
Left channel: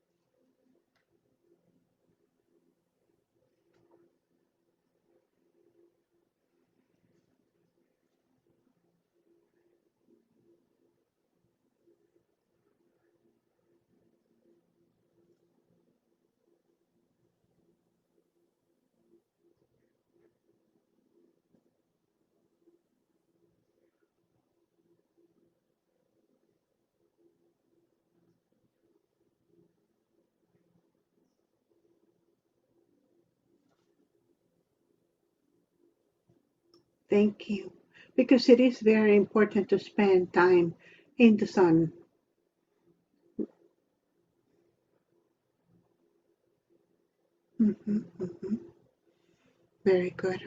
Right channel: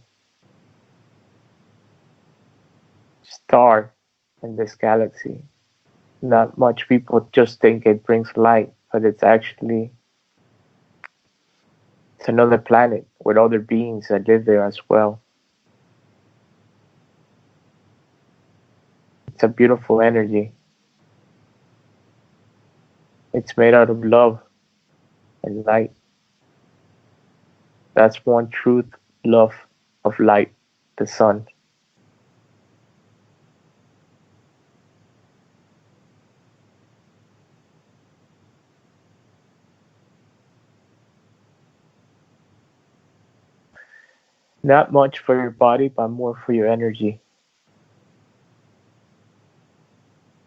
star in this galaxy. Not much people just think it brings light, but it's another planet with other beings that live there as well. It's a beautiful energy. It's made out of love and light. That's one truth, love of light, the sun. Thank you. Because it is very important to spend time in the sun. Not much for your body, but more for your energy. Mhm, mhm. Very good.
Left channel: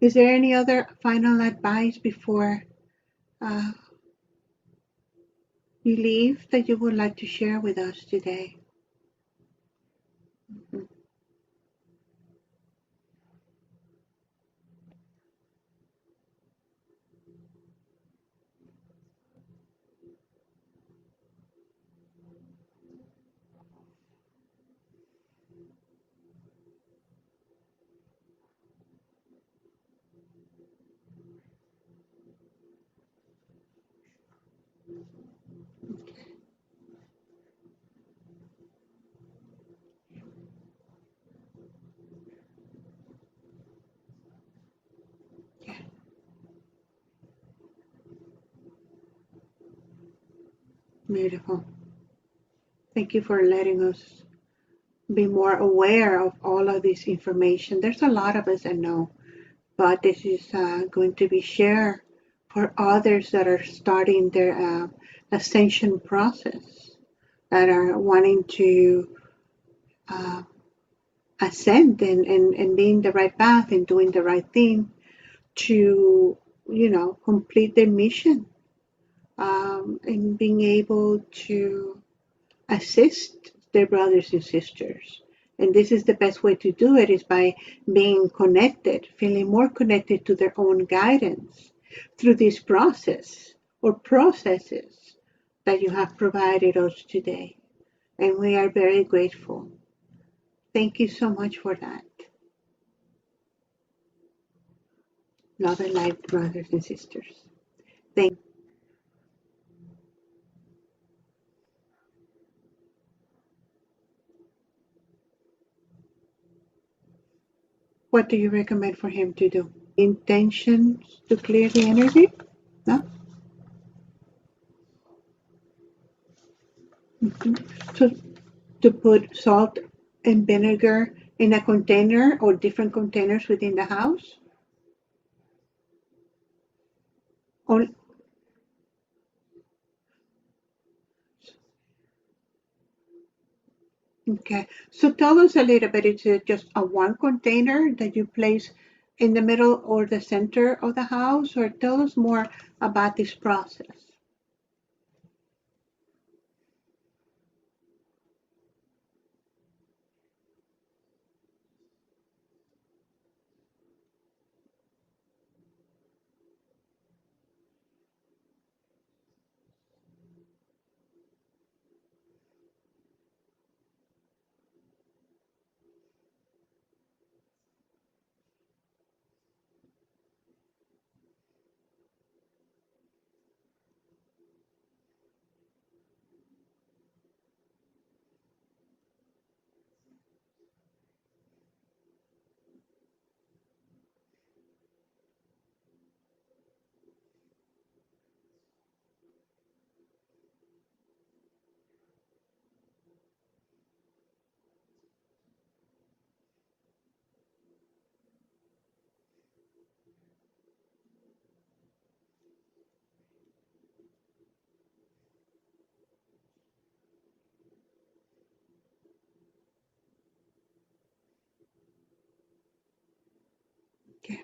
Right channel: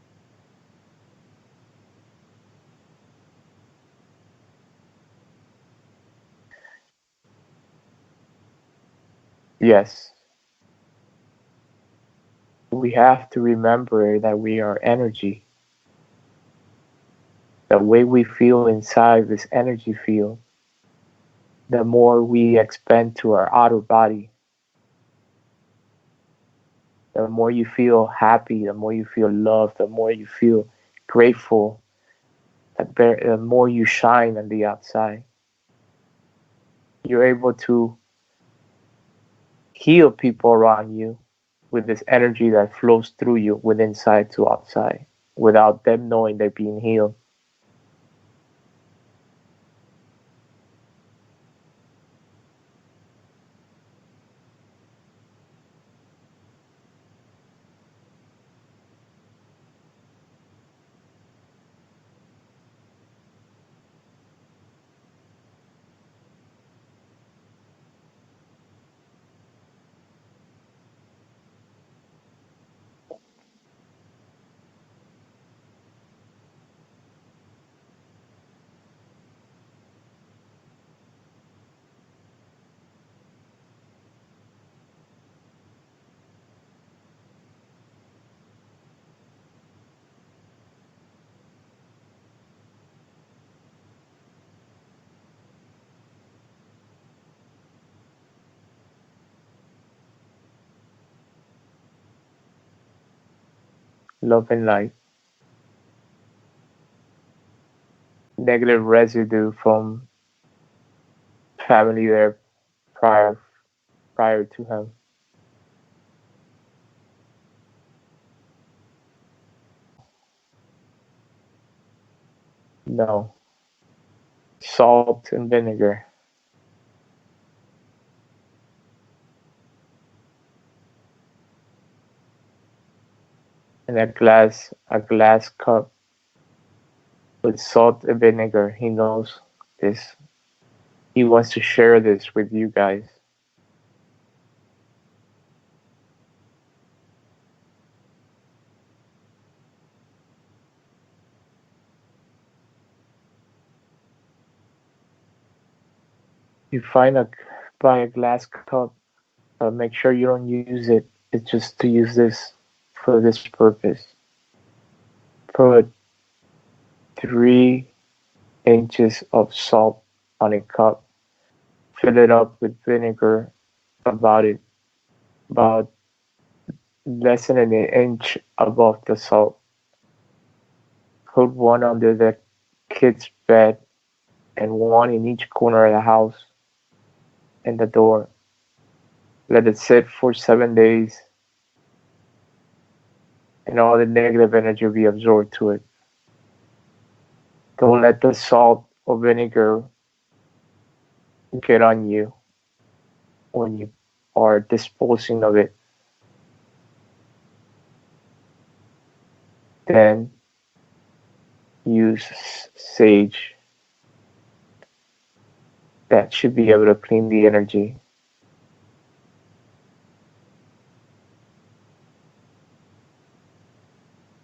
Is there any other final advice before uh, you leave that you would like to share with us today? Yes, Mhm. we have to remember that we are energy. The way we feel inside this energy field, the more we expand to our outer body, the more you feel happy, the more you feel loved, the more you feel grateful, the more you shine on the outside. You're able to heal people around you with this energy that flows through you with inside to outside without them knowing they're being healed. Beautiful. Thank you for letting us be more aware of all of this information. There's a lot of us that know, but this is going to be shared for others that are starting their ascension process, that are wanting to uh, ascend and be in the right path and doing the right thing to, complete their mission, and being able to assist their brothers and sisters. And this is the best way to do it, is by being connected, feeling more connected to their own guidance through this process or processes that you have provided us today. And we are very grateful. Thank you so much for that. Love and light. Love and light, brothers and sisters. Thank you. Negative residue from family there prior prior to him. What do you recommend for him to do? Intentions to clear the energy? No? No. Salt and vinegar Mhm. So to put salt and vinegar in a container or different containers within the in a house? glass cup with Or salt and vinegar. He knows this. He wants to share this with you guys. okay. So tell us a little bit. Is it just a one container that you place in the middle or the center of the house? Or tell us more about this process. You buy a glass cup, make sure you don't use it. It's just to use this for this purpose. Put 3 inches of salt on a cup. Fill it up with vinegar about less than an inch above the salt. Put one under the kid's bed and one in each corner of the house and the door. Let it sit for 7 days and all the negative energy be absorbed to it. Don't let the salt or vinegar get on you when you are disposing of it. Then use sage. That should be able to clean the energy. Okay.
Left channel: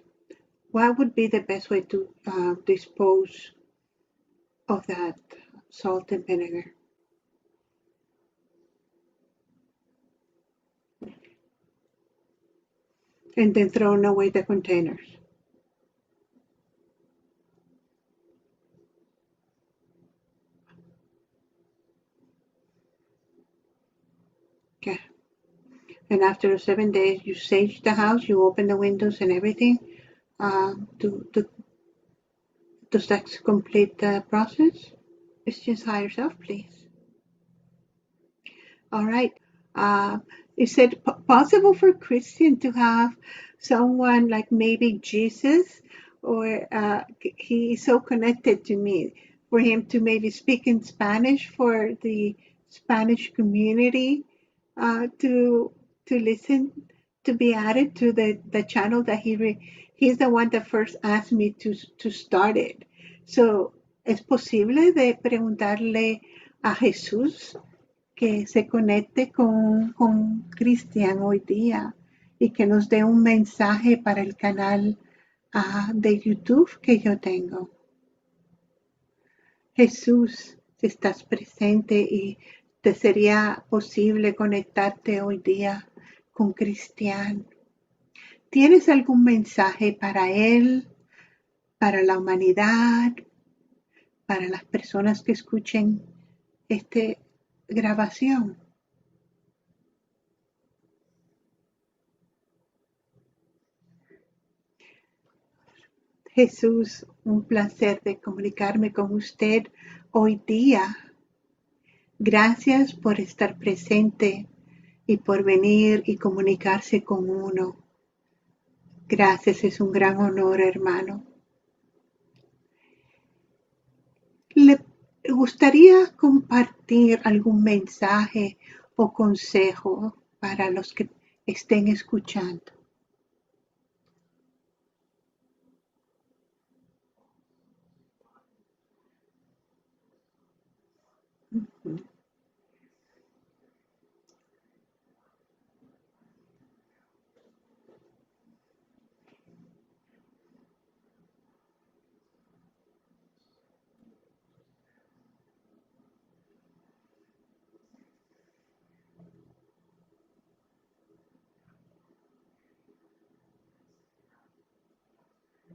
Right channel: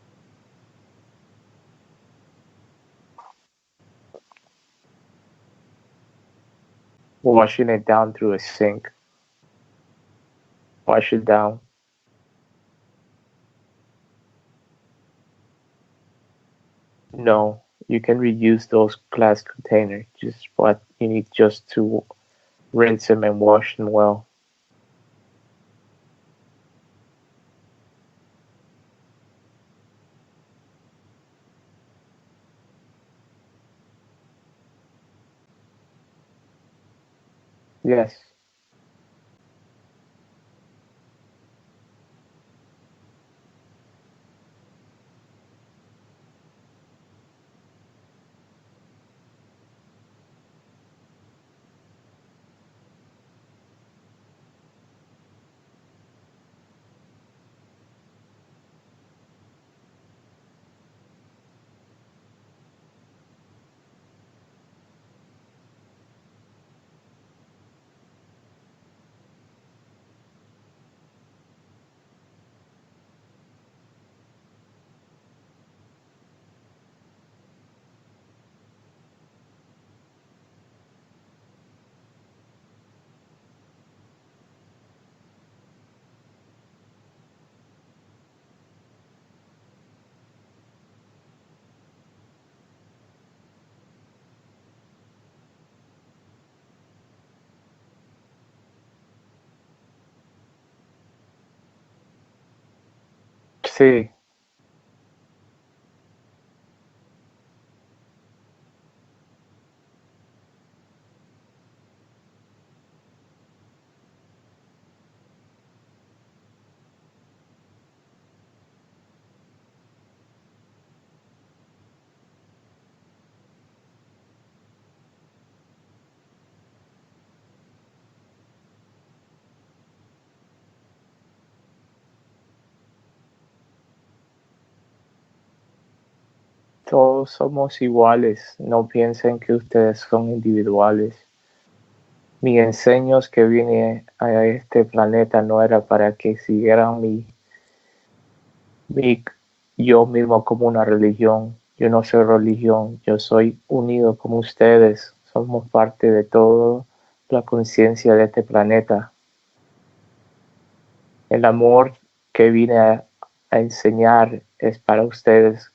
What would be the best way to dispose of that salt and vinegar? Washing it down through a sink. Wash it down. And then throwing away the containers. No, you can reuse those glass containers. Just what you need just to rinse them and wash them well. Okay. And after the 7 days, you sage the house, you open the windows and everything. Does that complete the process? It's just higher yourself, please. Yes. All right. Uh, is it possible for Christian to have someone like maybe Jesus, or he is so connected to me, for him to maybe speak in Spanish for the Spanish community, to listen, to be added to the channel that he's the one that first asked me to start it. So, ¿es posible de preguntarle a Jesús que se conecte con Cristian hoy día y que nos dé un mensaje para el canal de YouTube que yo tengo? Jesús, si estás presente y te sería posible conectarte hoy día con Cristian, ¿tienes algún mensaje para él, para la humanidad, para las personas que escuchen esta grabación? Sí. Jesús, un placer de comunicarme con usted hoy día. Gracias por estar presente y por venir y comunicarse con uno. Gracias, es un gran honor, hermano. ¿Le gustaría compartir algún mensaje o consejo para los que estén escuchando? Todos somos iguales. No piensen que ustedes son individuales. Mi enseño que vine a este planeta no era para que siguieran yo mismo como una religión. Yo no soy religión, yo soy unido como ustedes. Somos parte de toda la conciencia de este planeta. El amor que vine a enseñar es para ustedes,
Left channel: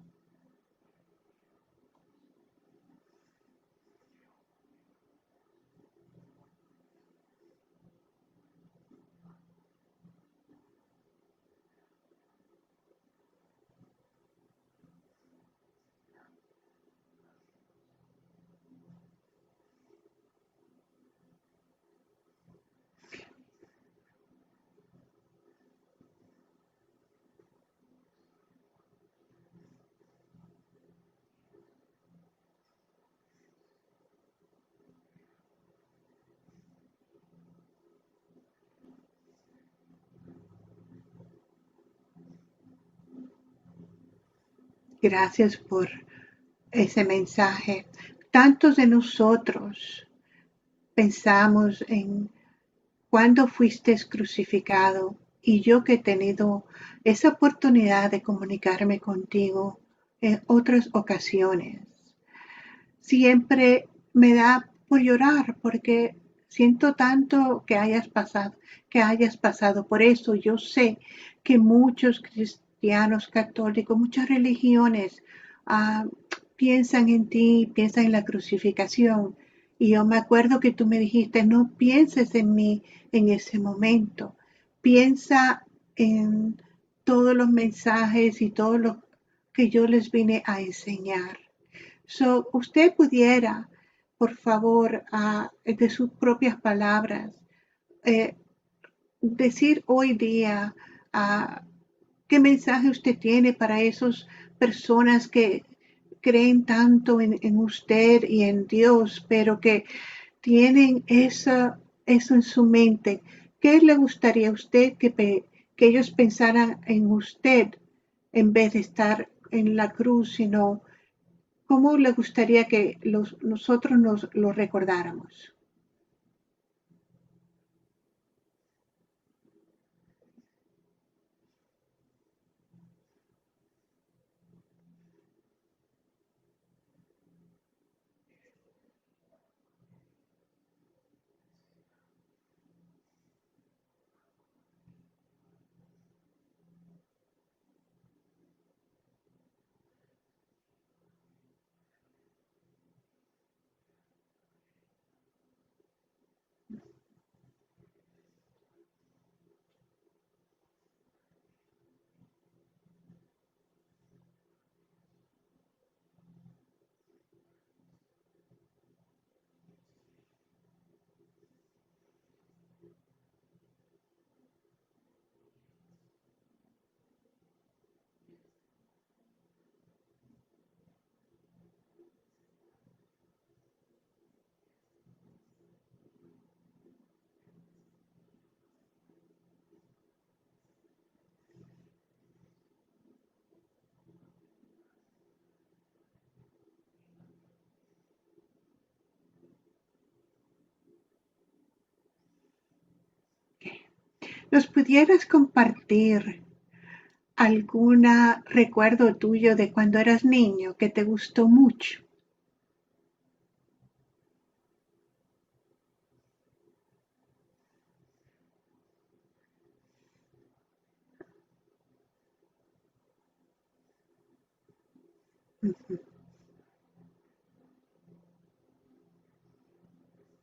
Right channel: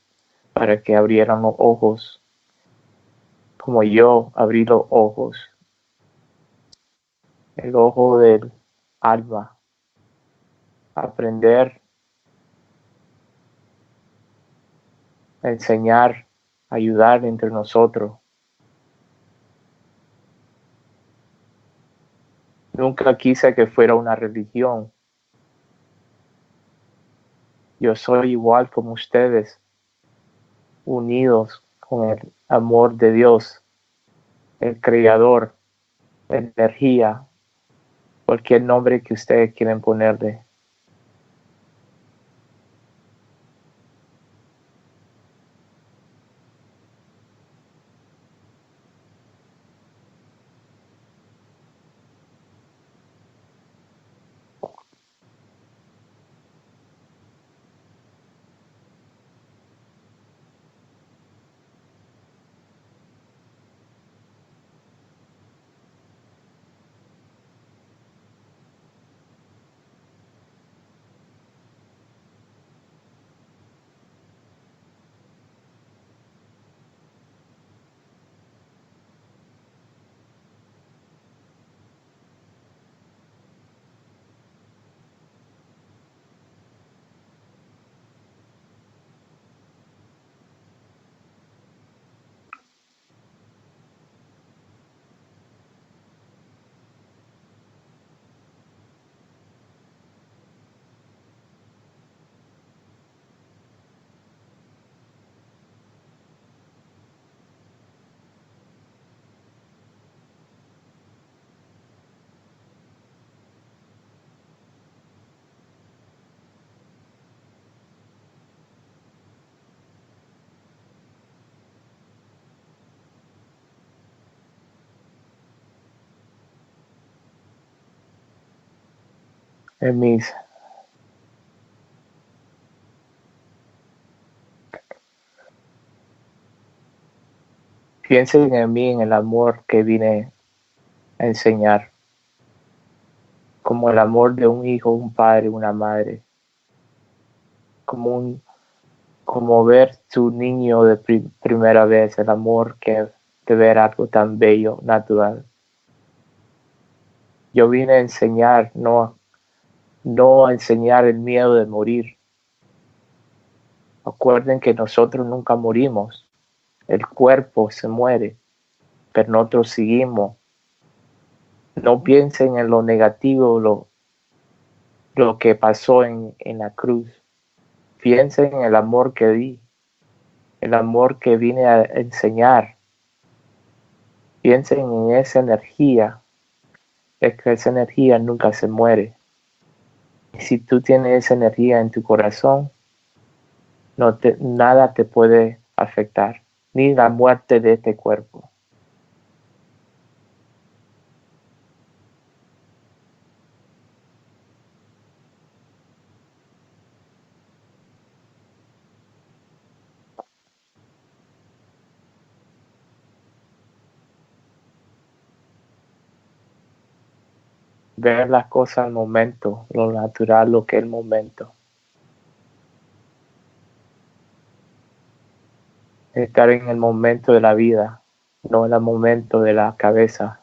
para que abrieran los ojos, como yo abrí los ojos, el ojo del alma, aprender, a enseñar, ayudar entre nosotros. Nunca quise que fuera una religión. Yo soy igual como ustedes, unidos con el amor de Dios, el Creador, la energía, cualquier nombre que ustedes quieran ponerle. Gracias por ese mensaje. Tantos de nosotros pensamos en cuándo fuiste crucificado, y yo que he tenido esa oportunidad de comunicarme contigo en otras ocasiones, siempre me da por llorar porque siento tanto que hayas pasado por eso. Yo sé que muchos cristianos católicos, muchas religiones ah, piensan en ti, piensan en la crucificación. Y yo me acuerdo que tú me dijiste, no pienses en mí en ese momento. Piensa en todos los mensajes y todo lo que yo les vine a enseñar. So, usted pudiera, por favor, de sus propias palabras, eh, decir hoy día qué mensaje usted tiene para esas personas que creen tanto en usted y en Dios, pero que tienen eso en su mente. ¿Qué le gustaría a usted que ellos pensaran en usted en vez de estar en la cruz, sino cómo le gustaría que nosotros nos lo recordáramos? En mis Piensen en mí, en el amor que vine a enseñar, como el amor de un hijo, un padre, una madre, como como ver tu niño de primera vez, el amor que de ver algo tan bello, natural. Yo vine a enseñar, no a enseñar el miedo de morir. Acuerden que nosotros nunca morimos, el cuerpo se muere, pero nosotros seguimos. No piensen en lo negativo, lo que pasó en la cruz. Piensen en el amor que di, el amor que vine a enseñar. Piensen en esa energía, es que esa energía nunca se muere. Y si tú tienes esa energía en tu corazón, nada te puede afectar, ni la muerte de este cuerpo. ¿Nos pudieras compartir algún recuerdo tuyo de cuando eras niño que te gustó mucho? Ver las cosas al momento, lo natural, lo que es el momento. Estar en el momento de la vida, no en el momento de la cabeza.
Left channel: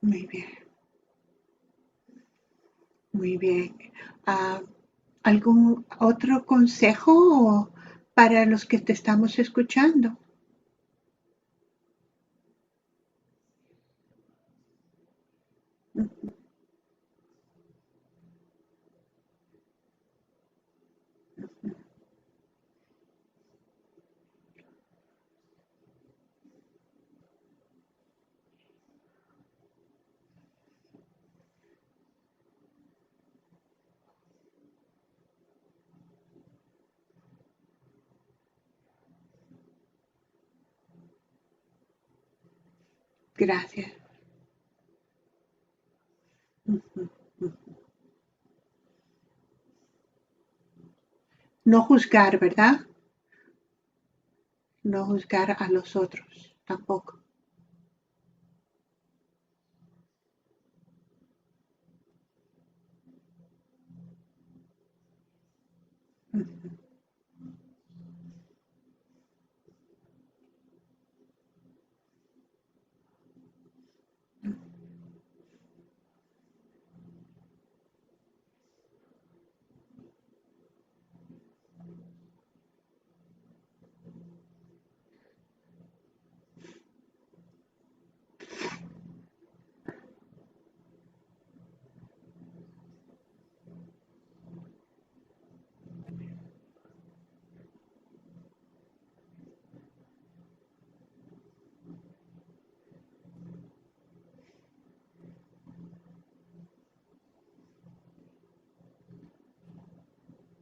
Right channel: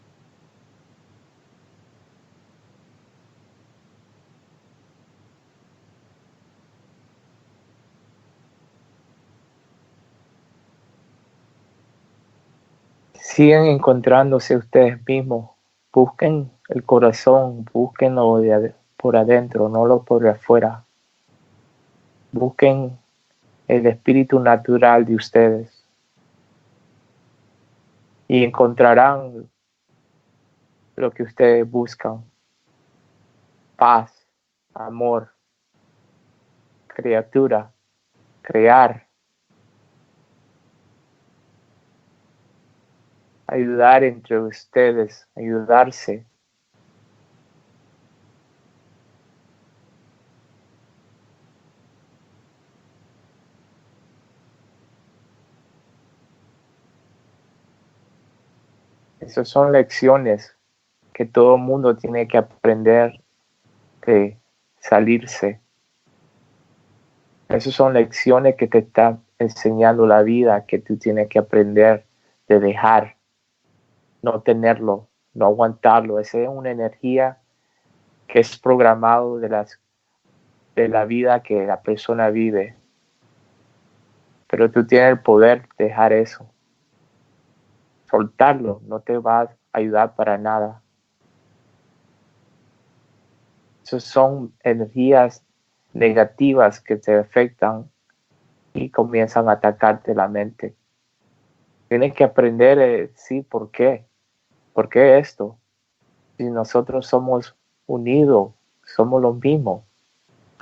Muy bien, muy bien. Ah, ¿Algún otro consejo para los que te estamos escuchando? Siguen encontrándose ustedes mismos. Busquen el corazón, búsquenlo por adentro, no lo por afuera. Busquen el espíritu natural de ustedes y encontrarán lo que ustedes buscan. Paz, amor, criatura, crear, Gracias. ayudar entre ustedes, ayudarse. No juzgar, ¿verdad? No juzgar a los otros tampoco. Esas son lecciones que todo el mundo tiene que aprender de salirse. Esas son lecciones que te está enseñando la vida, que tú tienes que aprender de dejar, no tenerlo, no aguantarlo. Esa es una energía que es programado de la vida que la persona vive. Pero tú tienes el poder de dejar eso. Soltarlo no te va a ayudar para nada. Esas son energías negativas que te afectan y comienzan a atacarte la mente. Tienes que aprender, sí, ¿por qué? ¿Por qué esto? Si nosotros somos unidos, somos los mismos.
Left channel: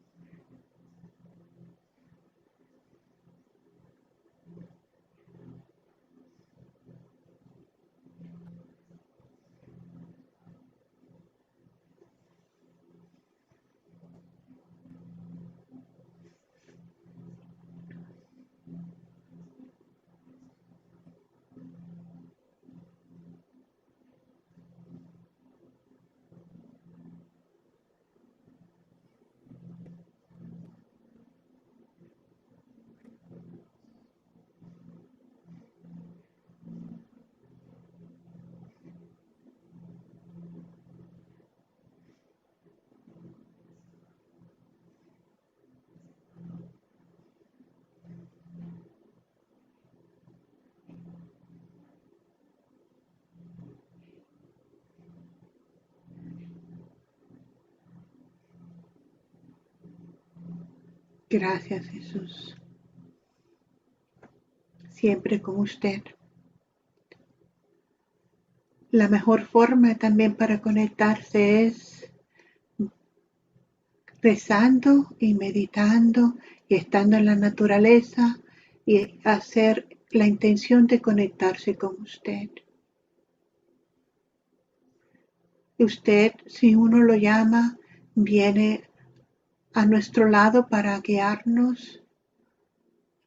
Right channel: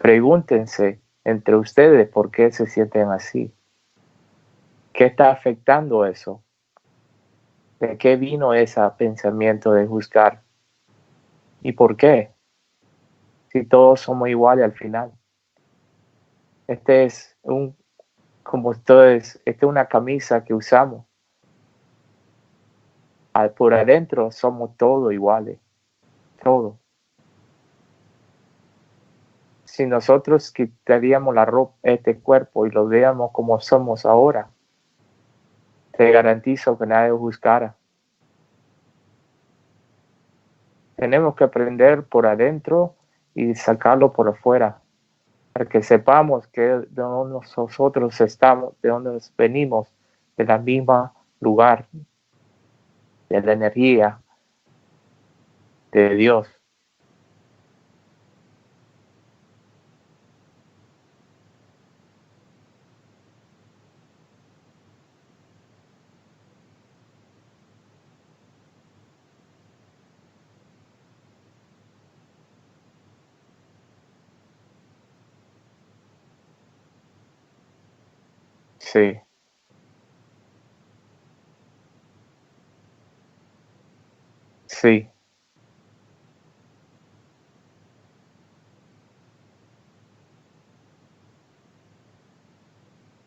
Pregúntense entre ustedes por qué se sienten así. ¿Qué está afectando eso? ¿De qué vino ese pensamiento de juzgar? ¿Y por qué? Si todos somos iguales al final. Este es como ustedes, esta es una camisa que usamos. Por adentro somos todos iguales, todos. Si nosotros quitaríamos la ropa, este cuerpo y lo veamos como somos ahora, te garantizo que nadie juzgara. Tenemos que aprender por adentro y sacarlo por afuera, para que sepamos que de donde nosotros estamos, de donde venimos, de la misma lugar, de la energía de Dios. Gracias, Jesús. Siempre con usted. La mejor forma también para conectarse es rezando y meditando y estando en la naturaleza y Sí, hacer la intención de conectarse con usted. sí, Usted, si uno lo llama, viene a nuestro lado para guiarnos,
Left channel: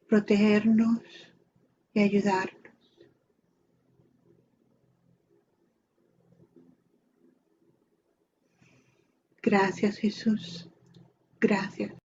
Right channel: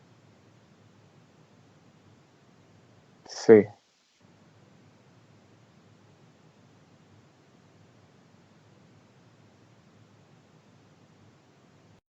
protegernos y ayudarnos. sí. Gracias, Jesús. Gracias.